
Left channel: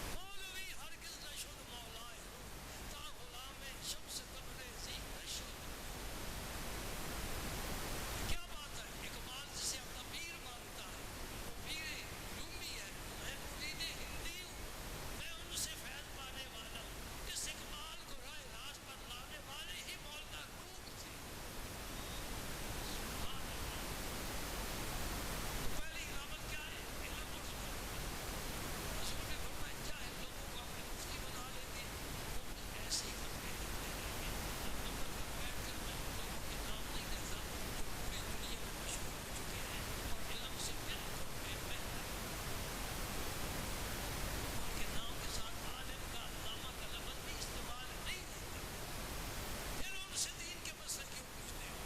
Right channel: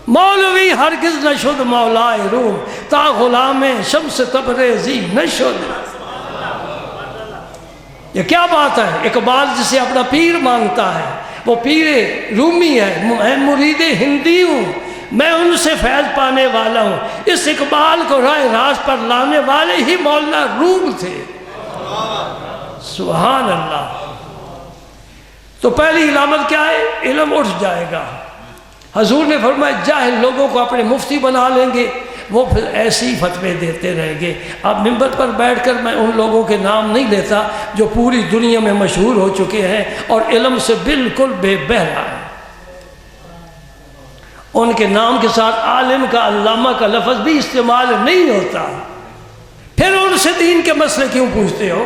مولوی ہرگز نہ شد مولائے روم، تا غلام شمس تبریزی نہ شد۔ یہ کیا بات ہے؟ اقبال جسے اپنا پیر مانتا ہے، وہ پیر رومی ہے، میں مرید ہندی ہوں، میں ان سے فیض پانے والا ہوں۔ اس اقبال کو راہ راست پر لانے والے ہی مولانا روم تھے۔ سبحان اللہ۔ تو پہلی علامت کیا ہے؟ علم اٹھ جائے گا۔ حضور نے فرمایا جاہل لوگوں کو اپنے مفتی بنا لیں گے، وہ پھر ایسے ہی فتوے دیتے رہیں گے۔ اب ممبر پر بیٹھ کر میں ان لوگوں کے نام نہیں لیتا جو پوری دنیا میں مشہور ہو چکے ہیں اور علم سے بالکل بے بہرا ہیں۔ ان کے نام کے ساتھ عالم کا، علامہ کا لفظ بھی استعمال نہیں ہوتا۔ پھر ان سے دین کے مسئلے کیوں پوچھتے ہو؟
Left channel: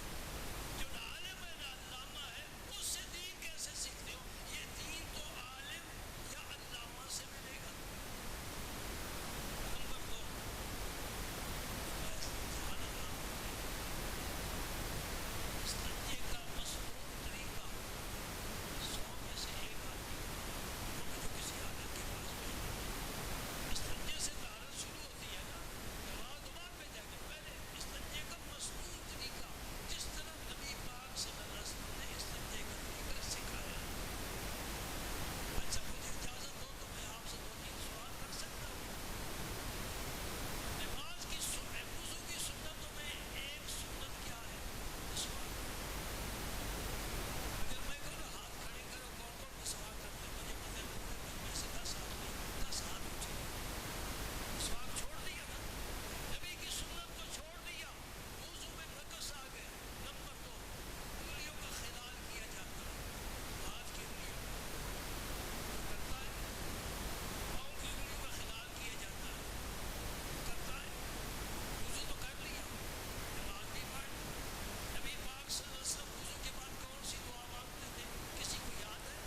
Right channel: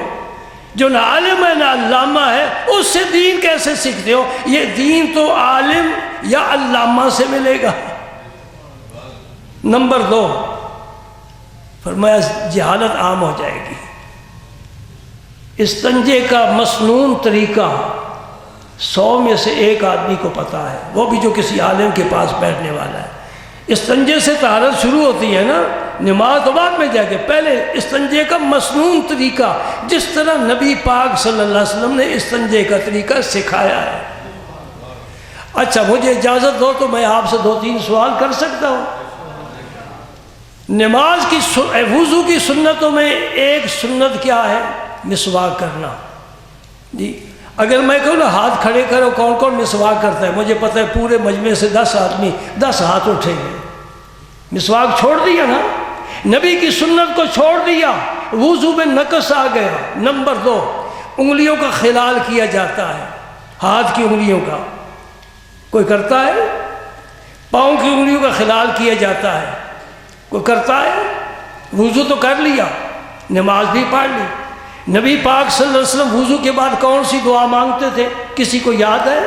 جو نہ عالم ہے نہ علامہ ہے، اس سے دین کیسے سیکھتے ہو؟ یہ دین تو عالم یا علامہ سے ملے گا۔ نمبر 2، فرمایا جہالت عام ہو جائے گی۔ استنجے کا مسنون طریقہ 100 میں سے 1 آدمی کو پتا ہے، وہ بھی جو کسی عالم کے پاس بیٹھنے والا ہے۔ استنجے سے طہارت شروع ہوتی ہے نا، نماز تو بعد میں جا کے، پہلے استنجے کا مسنون طریقہ، جس طرح نبی پاک صلی اللہ علیہ وسلم نے استنجے کا طریقہ سکھایا ہے۔ اچھا مجھے اجازت دو تو میں آپ سے 2-3 سوال کر سکتا ہوں؟ نماز کی وضو کی سنتوں میں ایک سنت کیا ہے؟ مسواک کرنا. جی اگر میں کہوں نا ہاتھ کھڑے کرو کون کون مسواک کرتا ہے، مجھے پتہ ہے پورے مجمع سے 10 آدمی 10 ہاتھ اٹھیں گے. مسواک چھوڑ دیا نا، نبی کی سنت کو چھوڑ دیا، وضو میں نقص آ گیا. نمبر 2، انگلیوں کا خلال کیا جاتا ہے، ہاتھ کی انگلیوں کا کوئی کرتا ہے؟ پاؤں کی انگلیوں کا خلال کیا جاتا ہے، کوئی کرتا ہے؟ وضو تو کر لیا، نماز بھی پڑھ لی. نبی پاک صلی اللہ علیہ وسلم وضو کے بعد کون سی دعا مانگتے تھے؟ کسی کو یاد ہے؟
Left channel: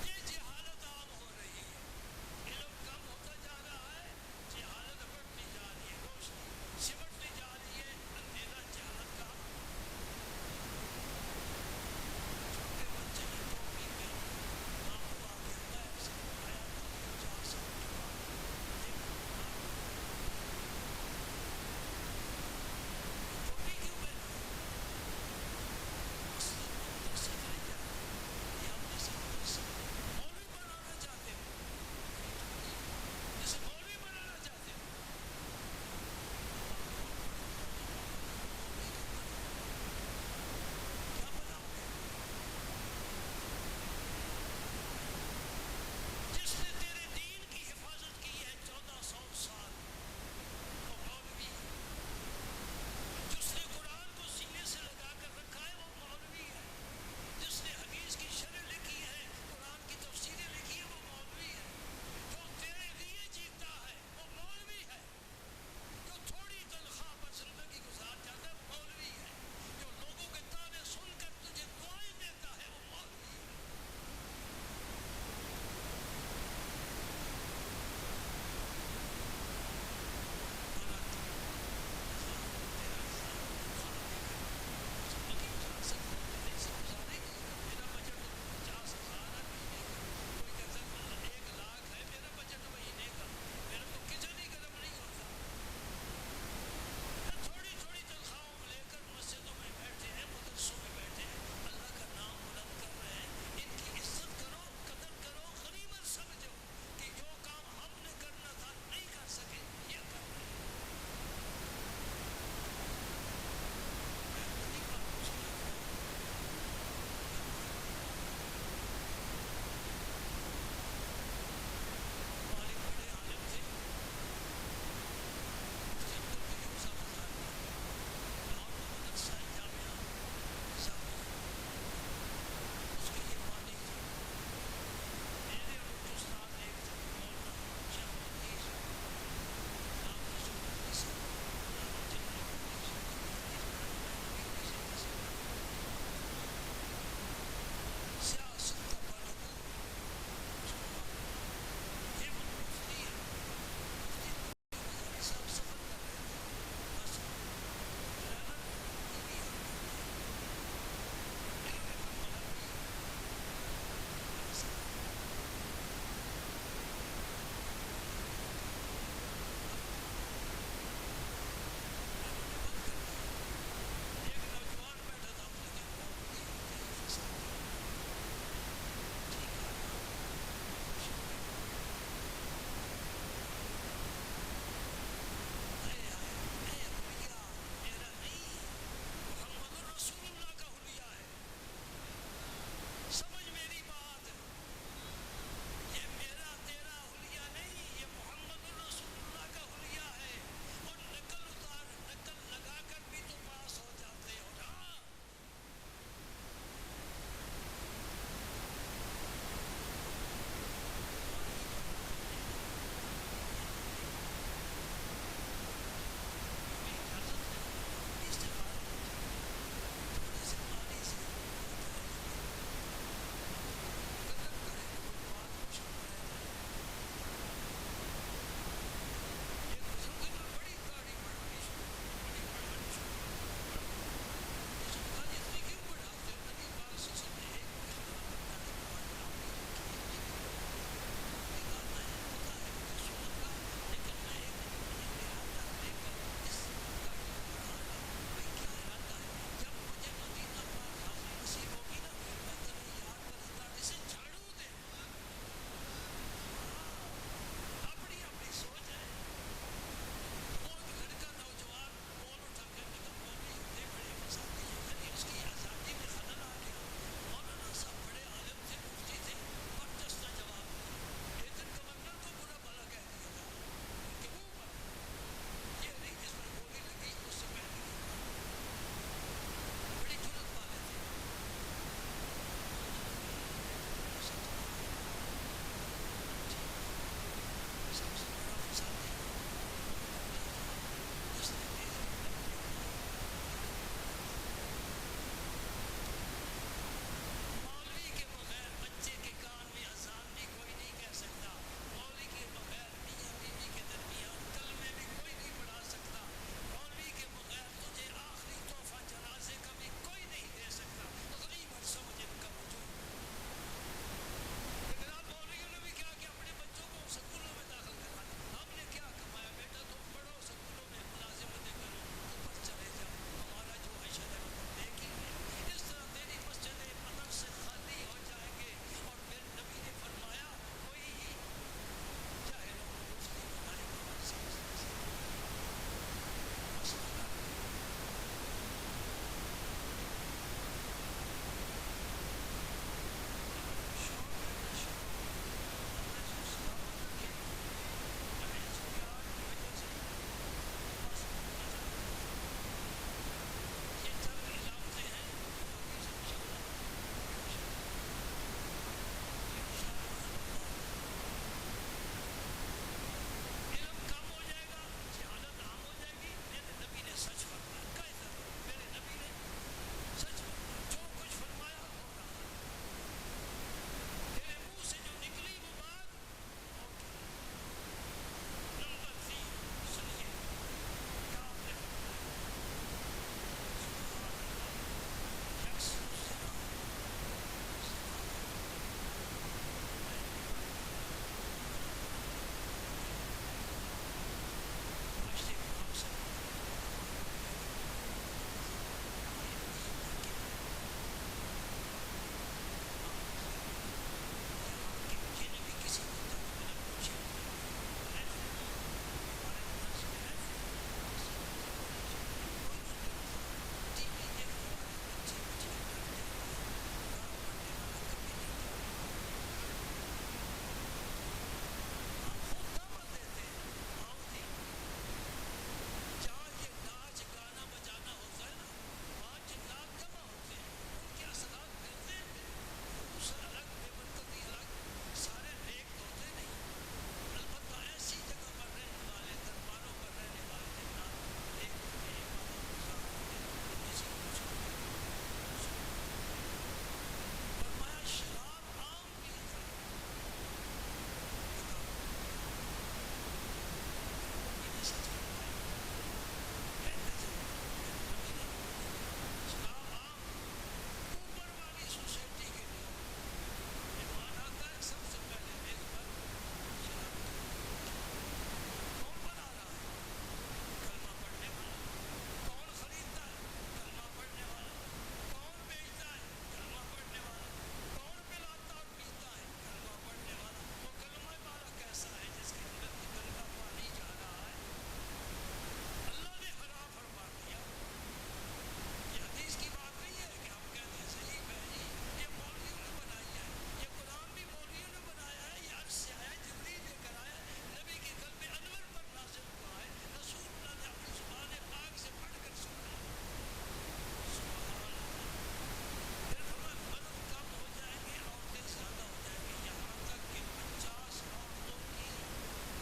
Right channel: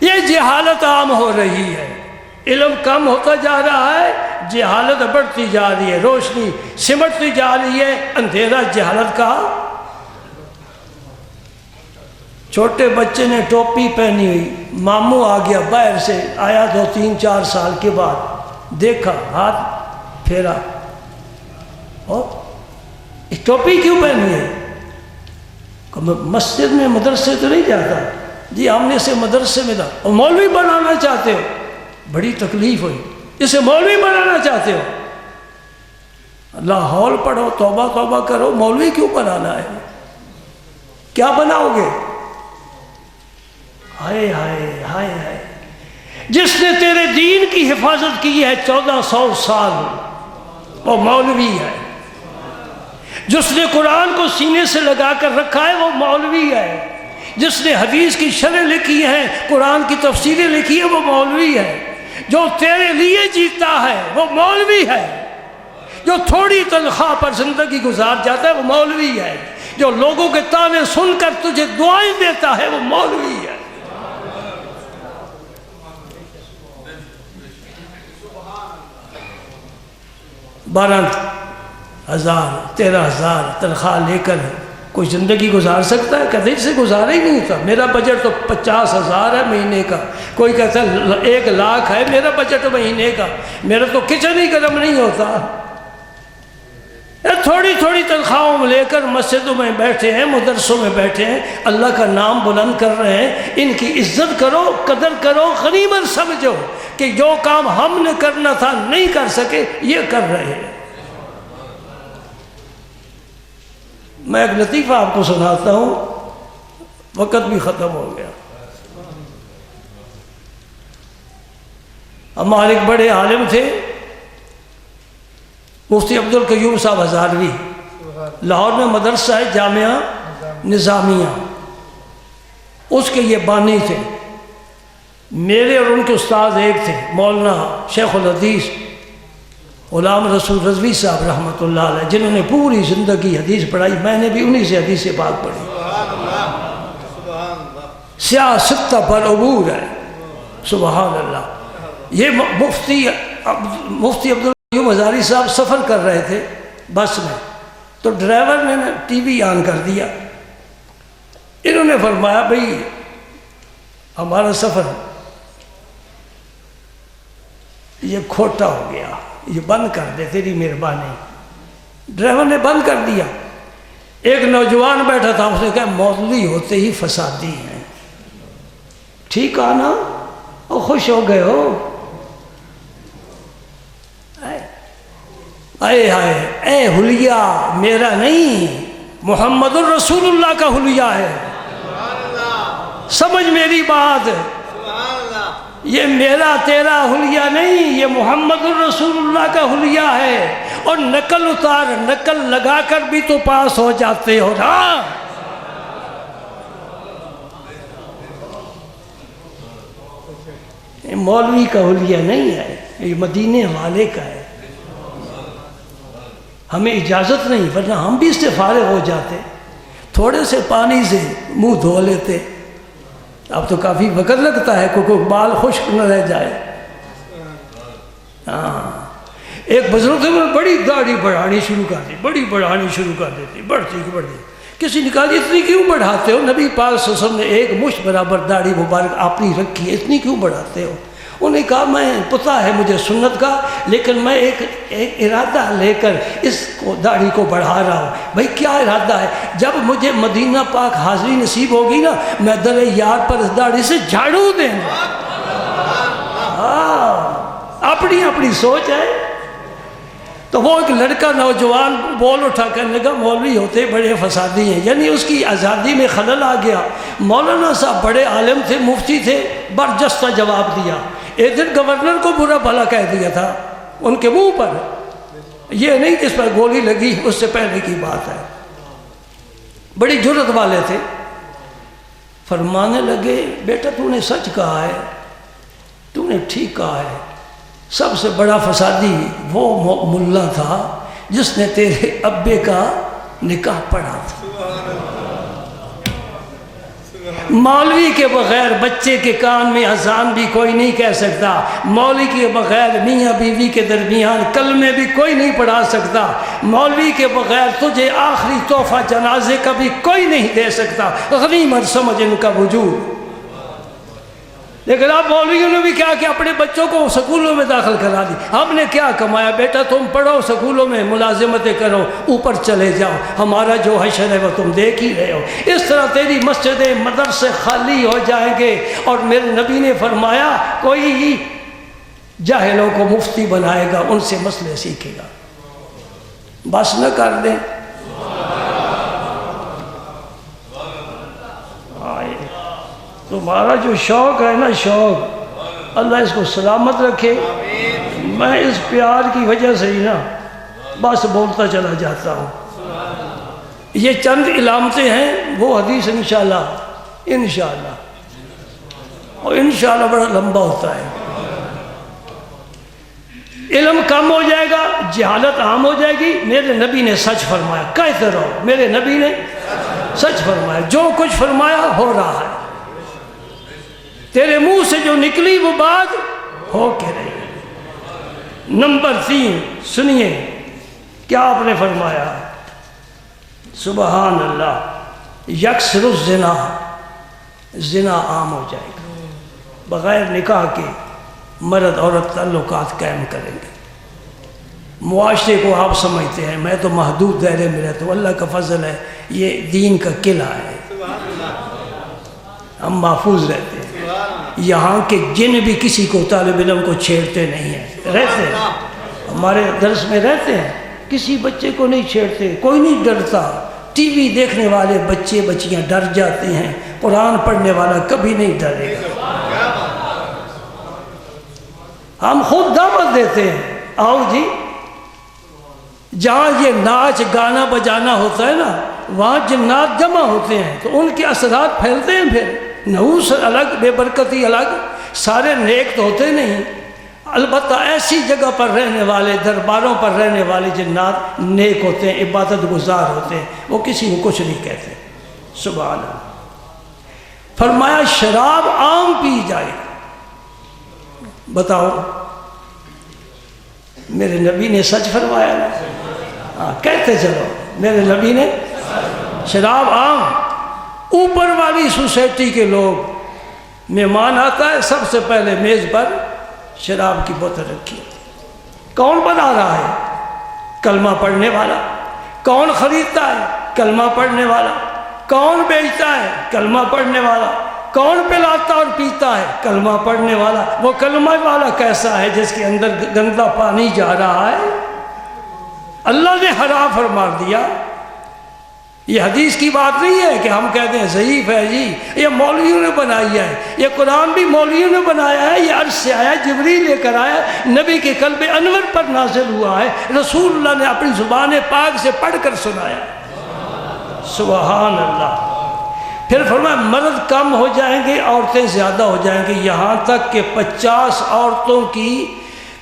یہ جہالت عام ہو رہی ہے، علم کم ہوتا جا رہا ہے، جہالت بڑھتی جا رہی ہے، روشنی سمٹتی جا رہی ہے، اندھیرا جہالت کا. چھوٹے بچے نے ٹوپی پہنی ہوئی، ماموں آ گیا باہر سے، آیا 2 3 4 سال کے بعد، دیکھا ہاتھ پھیرا، اور ٹوپی کیوں پہنی ہے؟ مسجد میں مدرسے تو نہیں جاتا. جی ہم نے اسے مدرسے میں تھا، اور مولوی بنانا چاہتے ہو، بڑی تکلیف ہوئی، اسے مولوی بنانا چاہتے ہو، لاہور پڑھو، توبہ توبہ کرو، مولوی کیوں بنانا ہے؟ کیا بناؤ گے؟ ہائے ہائے ہائے ہائے. جس نے تیرے دین کی حفاظت کی ہے 1400 سال، وہ مولوی ہے. جس نے قرآن کو سینے سے لگا کر رکھا ہے وہ مولوی ہے. جس نے حدیث کی شرح لکھی ہے، قرآن کی تفسیریں لکھی ہے، وہ مولوی ہے. جو تیرے لیے جیتا ہے وہ مولوی ہے. جو تھوڑی تنخواہ پر زندگی گزار جاتا ہے وہ مولوی ہے. جو لوگوں کے تانے سن کر تجھے دعائیں دیتا ہے وہ مولوی ہے. بارہ 13,000 تنخواہ لے کر کوئی زندگی گزار سکتا ہے؟ کدی سے گزارا ہی نہیں ہوتا. میرا بجٹ تو 50,000 ہے مہینے کا. کوئی کہتا ہے 1 لاکھ ہے میرا بجٹ مہینے کا. میرا تو کچن ہی گرم نہیں ہوتا. تھوڑی تھوڑی تنخواہوں میں لے کر مسجدوں میں بیٹھے ہیں، مدرسوں میں بیٹھے ہیں، اللہ کا نام بلند کر رہے ہیں. ان کی عزت کرو، قدر کرو، غنیمت سمجھو کہ جو کام ہم نے کرنا تھا نہیں کر سکے یہ کر رہے ہیں. میں ایک لطیفہ آپ کو سناتا ہوں، وقت بھی ختم ہو گیا. ہمارے ایک بڑے عالم تھے مفتی عبدالقیوم صاحب ہزاروی، لاہور میں مدرسہ ہے جامعہ نظامیہ، اس کے یہ بانی تھے. میرے اور ان کے استاد ایک تھے، مولانا شیخ الحدیث غلام رسول رضوی صاحب رحمۃ اللہ علیہ، جنہوں نے پوری زندگی حدیث پڑھائی. میں نے بھی انہی سے حدیث پاک پڑھی. سیاہ ستہ پر عبور ہے. سبحان اللہ. یہ مفتی عبدالقیوم ہزاری صاحب سفر کر رہے تھے بس میں، تو ڈرائیور نے ٹی وی آن کر دیا. انہوں نے فرمایا بھئی ہمارا سفر یہ کھوٹا ہو گیا، یہ بند کر دے تیری مہربانی. ڈرائیور نے بند کر دیا. ایک نوجوان بیٹھا تھا، اس نے کہا مولوی ہوتے ہی فسادی ہیں. ٹھیک آنا اور خوش ہو گئے ہو. اے ہائے اے حلیہ میرا نہیں، محمد الرسول اللہ کا حلیہ ہے. سمجھ میری بات، یہ میرا تیرا حلیہ نہیں، یہ محمد الرسول اللہ کا حلیہ ہے. اور نقل اتار، نقل لگا کر بھی تو پاس ہو جاتے ہو نا. یہ مولوی کا حلیہ نہیں ہے، یہ مدینے والے کا ہے. ہمیں اجازت نہیں، ورنہ ہم بھی اس سے فارغ ہو جاتے، تھوڑے سے پانی سے منہ دھو لیتے. اب تو کافی وقت لگتا ہے کوئی بال خشک نہ رہ جائے. ہاں ایک بزرگ سے بڑی داڑھی بڑھانی شروع کر دی، بڑی بڑھانی شروع کر دیتی، بڑھتی بڑھتی. کسی نے کہا اتنی کیوں بڑھاتے ہو؟ نبی پاک صلی اللہ علیہ وسلم نے ایک مشت برابر داڑھی مبارک اپنی رکھی ہے، اتنی کیوں بڑھاتے ہو؟ انہوں نے کہا میں پتہ ہے مجھے سنت کا، لیکن میں ایک ارادہ لے کر اس کو داڑھی کو بڑھا رہا ہوں. بھئی کیا ارادہ ہے؟ جب مجھے مدینہ پاک حاضری نصیب ہوگی نا، میں در یار پر اس داڑھی سے جھاڑو دیں گا. ہاں اپنی اپنی سوچ ہے. تو وہ ایک لڑکا نوجوان بول اٹھا کہنے لگا مولوی ہوتے بڑے فسادی ہیں، یعنی اس کی آزادی میں خلل آ گیا۔ مولانا صاحب بڑے عالم تھے، مفتی تھے، برجستہ جواب دیا۔ ایک دن گورنر کو برا بھلا کہہ دیا تھا ان کے منہ پر، یہ نہیں جس پر گولی لگی، اس سے پہلے کی بات ہے۔ بڑی جرت والے تھے، فرمانے لگے بیٹا تو نے سچ کہا ہے، تو نے ٹھیک کہا ہے، سب سے بڑا فسادی وہ ملا تھا جس نے تیرے ابے کا نکاح پڑھا تھا۔ مولوی کے بغیر بچے کے کان میں اذان بھی کوئی نہیں کہہ سکتا، مولوی کے بغیر میاں بیوی کے درمیان کلمے بھی کوئی نہیں پڑھا سکتا، مولوی کے بغیر تجھے آخری تحفہ جنازے کا بھی کوئی نہیں دے سکتا، غنیمت سمجھ ان کا وجود۔ لیکن اب مولویوں نے بھی کیا کہ اپنے بچوں کو سکولوں میں داخل کرا دی۔ ہم نے کیا کمایا؟ بیٹا تم پڑھو، سکولوں میں ملازمتیں کرو، اوپر چلے جاؤ، ہمارا جو حشر ہے وہ تم دیکھ ہی رہے ہو۔ اس طرح تیری مسجدیں مدرسے خالی ہو جائیں گے، اور میرے نبی نے فرمایا کوئی جاہلوں کو مفتی بنائے گا، ان سے مسئلے سیکھے گا۔ بس نہ کر دیں، تمہارا جو شوق ہے نا، شوق اللہ اس کو سلامت رکھے۔ میں اس پیار کی وجہ سے ہی نا بس بولتا چلا جاتا ہوں۔ یہ چند علامتیں ہیں، وہ حدیث انشاءاللہ اور انشاءاللہ بڑا لمبا ہوتا ہے۔ علم کم ہو جائے گا، جہالت عام ہو جائے گی۔ میرے نبی نے سچ فرمایا، کہتے رہو میرے نبی نے سچ فرمایا، جو کچھ فرمایا ہو رہا ہے، تیرے منہ سے جو نکلی وہ بات ہو کے رہی۔ نمبر 3 سنیے کیا آپ نے فرمایا، سبحان اللہ، یکسر الزنا، زنا عام ہو جائے گا، بغیر نکاح کے مرد عورت تعلقات قائم کریں گے۔ معاشرے کو آپ سمجھتے ہیں، میں تو محدود دائرے میں رہتا ہوں، اللہ کا فضل ہے، یہ دین کا قلعہ ہے، ہم محفوظ رہتے ہیں۔ یہاں کے جن بھی کسی کو طالب علم کو چھیڑتے نہیں ہیں، رہتے ہیں ہمارے درس میں رہتے ہیں، کسی بچے کو نہیں چھیڑتے، کوئی نہیں ڈرتا۔ ٹی وی دیکھنے والے بچے بچیاں ڈر جاتے ہیں، قرآن پڑھنے والا کبھی نہیں ڈرے گا۔ ہم خود دعوت دیتے ہیں، آؤ جی، جہاں یہ ناچ گانا بجانا ہوتا ہے نا، وہاں جنات جمع ہوتے ہیں تو ان کے اثرات پھیلتے ہیں۔ پھر نحوس الگ، بے برکتی الگ، سارے نیک تو ہوتے نہیں، البتہ ایسی جگہ پر رہنے والے، درباروں پر رہنے والے جنات نیک ہوتے ہیں، عبادت گزار ہوتے ہیں، وہ کسی کو کچھ نہیں کہتے۔ سبحان اللہ۔ فرمایا شراب عام پی جائے، بتاؤ میرے نبی نے سچ فرمایا نا؟ ہاں کہتے چلو میرے نبی نے شراب عام۔ اوپر والی سوسائٹی کے لوگ، مہمان آتا ہے سب سے پہلے میز پر شراب کی بوتل رکھی ہے، کون بنا رہا ہے؟ کلمہ پڑھنے والا۔ کون خریدتا ہے؟ کلمہ پڑھنے والا۔ کون بیچتا ہے؟ کلمہ پڑھنے والا۔ کون پلاتا اور پیتا ہے؟ کلمہ پڑھنے والا۔ وہ کلمہ والا کیسا ہے؟ جس کے اندر گندا پانی جا رہا ہے، اللہ نے حرام فرما دیا۔ یہ حدیث کی بات نہیں ہے کہ ہم کہتے ہیں ضعیف ہے جی، یہ مولویوں نے بنائی ہے، یہ قرآن بھی مولویوں نے بنایا ہے، یہ عرش سے آیا، جبریل لے کر آیا، نبی کے قلب انور پر نازل ہوا ہے، رسول اللہ نے اپنی زبان پاک سے پڑھ کر سنایا۔ سبحان اللہ۔ پھر فرمایا مرد کم ہو جائیں گے، عورتیں زیادہ ہو جائیں گے، یہاں تک کہ 50 عورتوں کی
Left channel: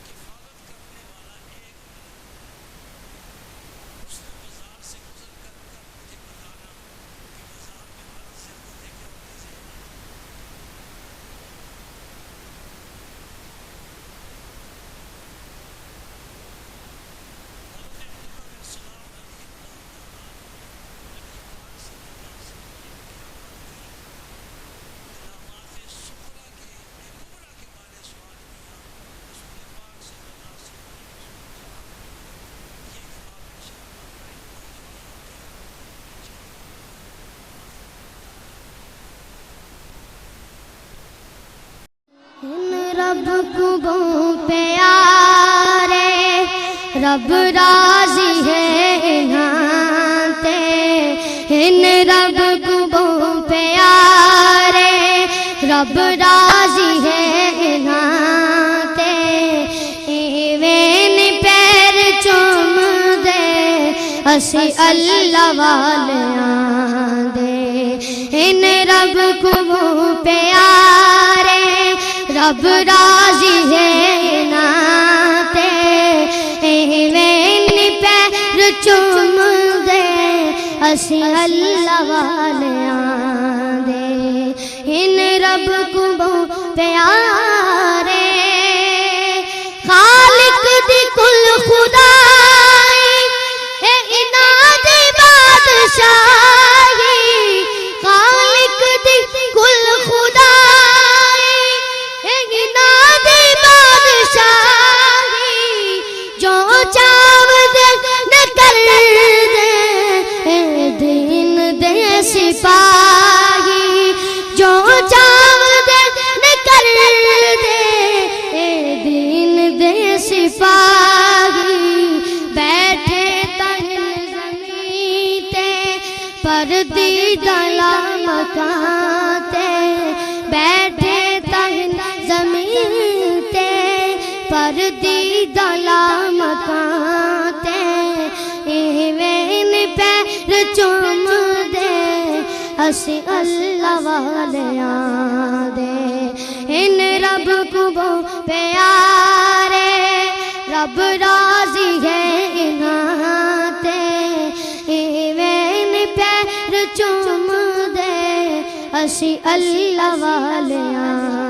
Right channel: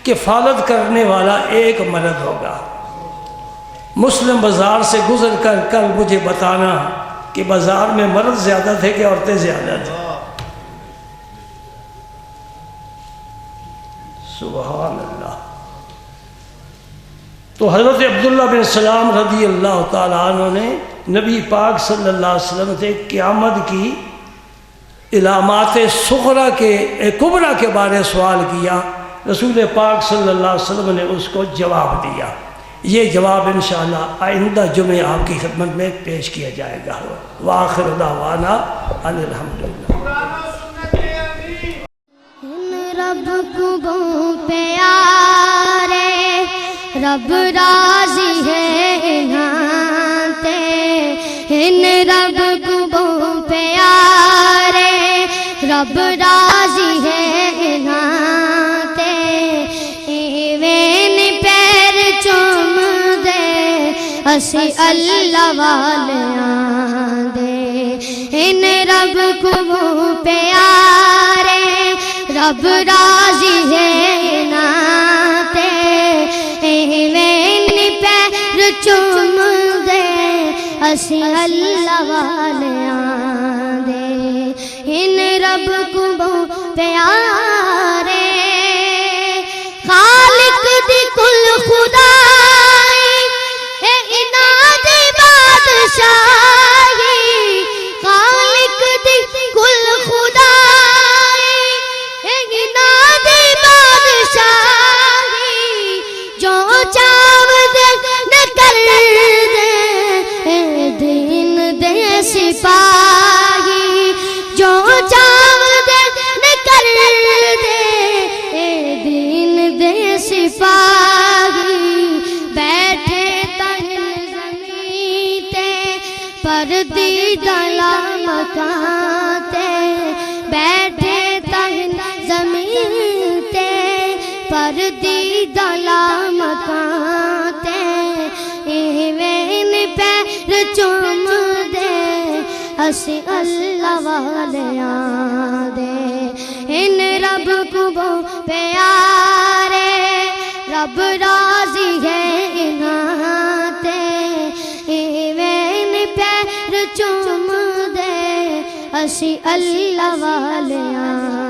کفالت کرنے والا ایک مرد ہوگا۔ مسلم بازار سے گزر کر کل مجھے بتانا کہ بازار میں مرد زیادہ تھے کہ عورتیں زیادہ تھیں۔ سبحان اللہ۔ تو حضرت عبداللہ بن سلام رضی اللہ تعالیٰ عنہ نے نبی پاک صلی اللہ علیہ وسلم سے قیامت کی علامات صغرا کے کبرا کے بارے سوال کیا، رسول پاک صلی اللہ علیہ وسلم نے اس کو جواب دیا۔ یہ جواب انشاءاللہ آئندہ جمعہ آپ کی خدمت میں پیش کیا جائے گا۔ وآخر دعوانا ان الحمدللہ۔ رب کو پیارے رب راضی ہے انہاں تے ان رب کو بہت پیارے رب راضی ہے انہاں تے ایویں پیر چوم دے اسی اللہ والیاں دے ان رب کو بہت پیارے رب راضی ہے انہاں تے ایویں پیر چوم دے اسی اللہ والیاں دے ان رب کو بہت پیارے خالق دی کل خدائی اے انہاں دی بادشاہی خالق دی کل خدائی اے انہاں دی بادشاہی جو چاو دے نہ کر دے اے دین دے سپاہی جو چاو دے نہ کر دے اے دین دے سپاہی بیٹھے تہن زمین تے پردیدہ مکان تے بیٹھے تہن زمین تے پردیدہ مکان تے ایویں پیر چوم دے اسی اللہ والیاں دے ان رب کو بہت پیارے رب راضی ہے انہاں تے ایویں پیر چوم دے اسی اللہ والیاں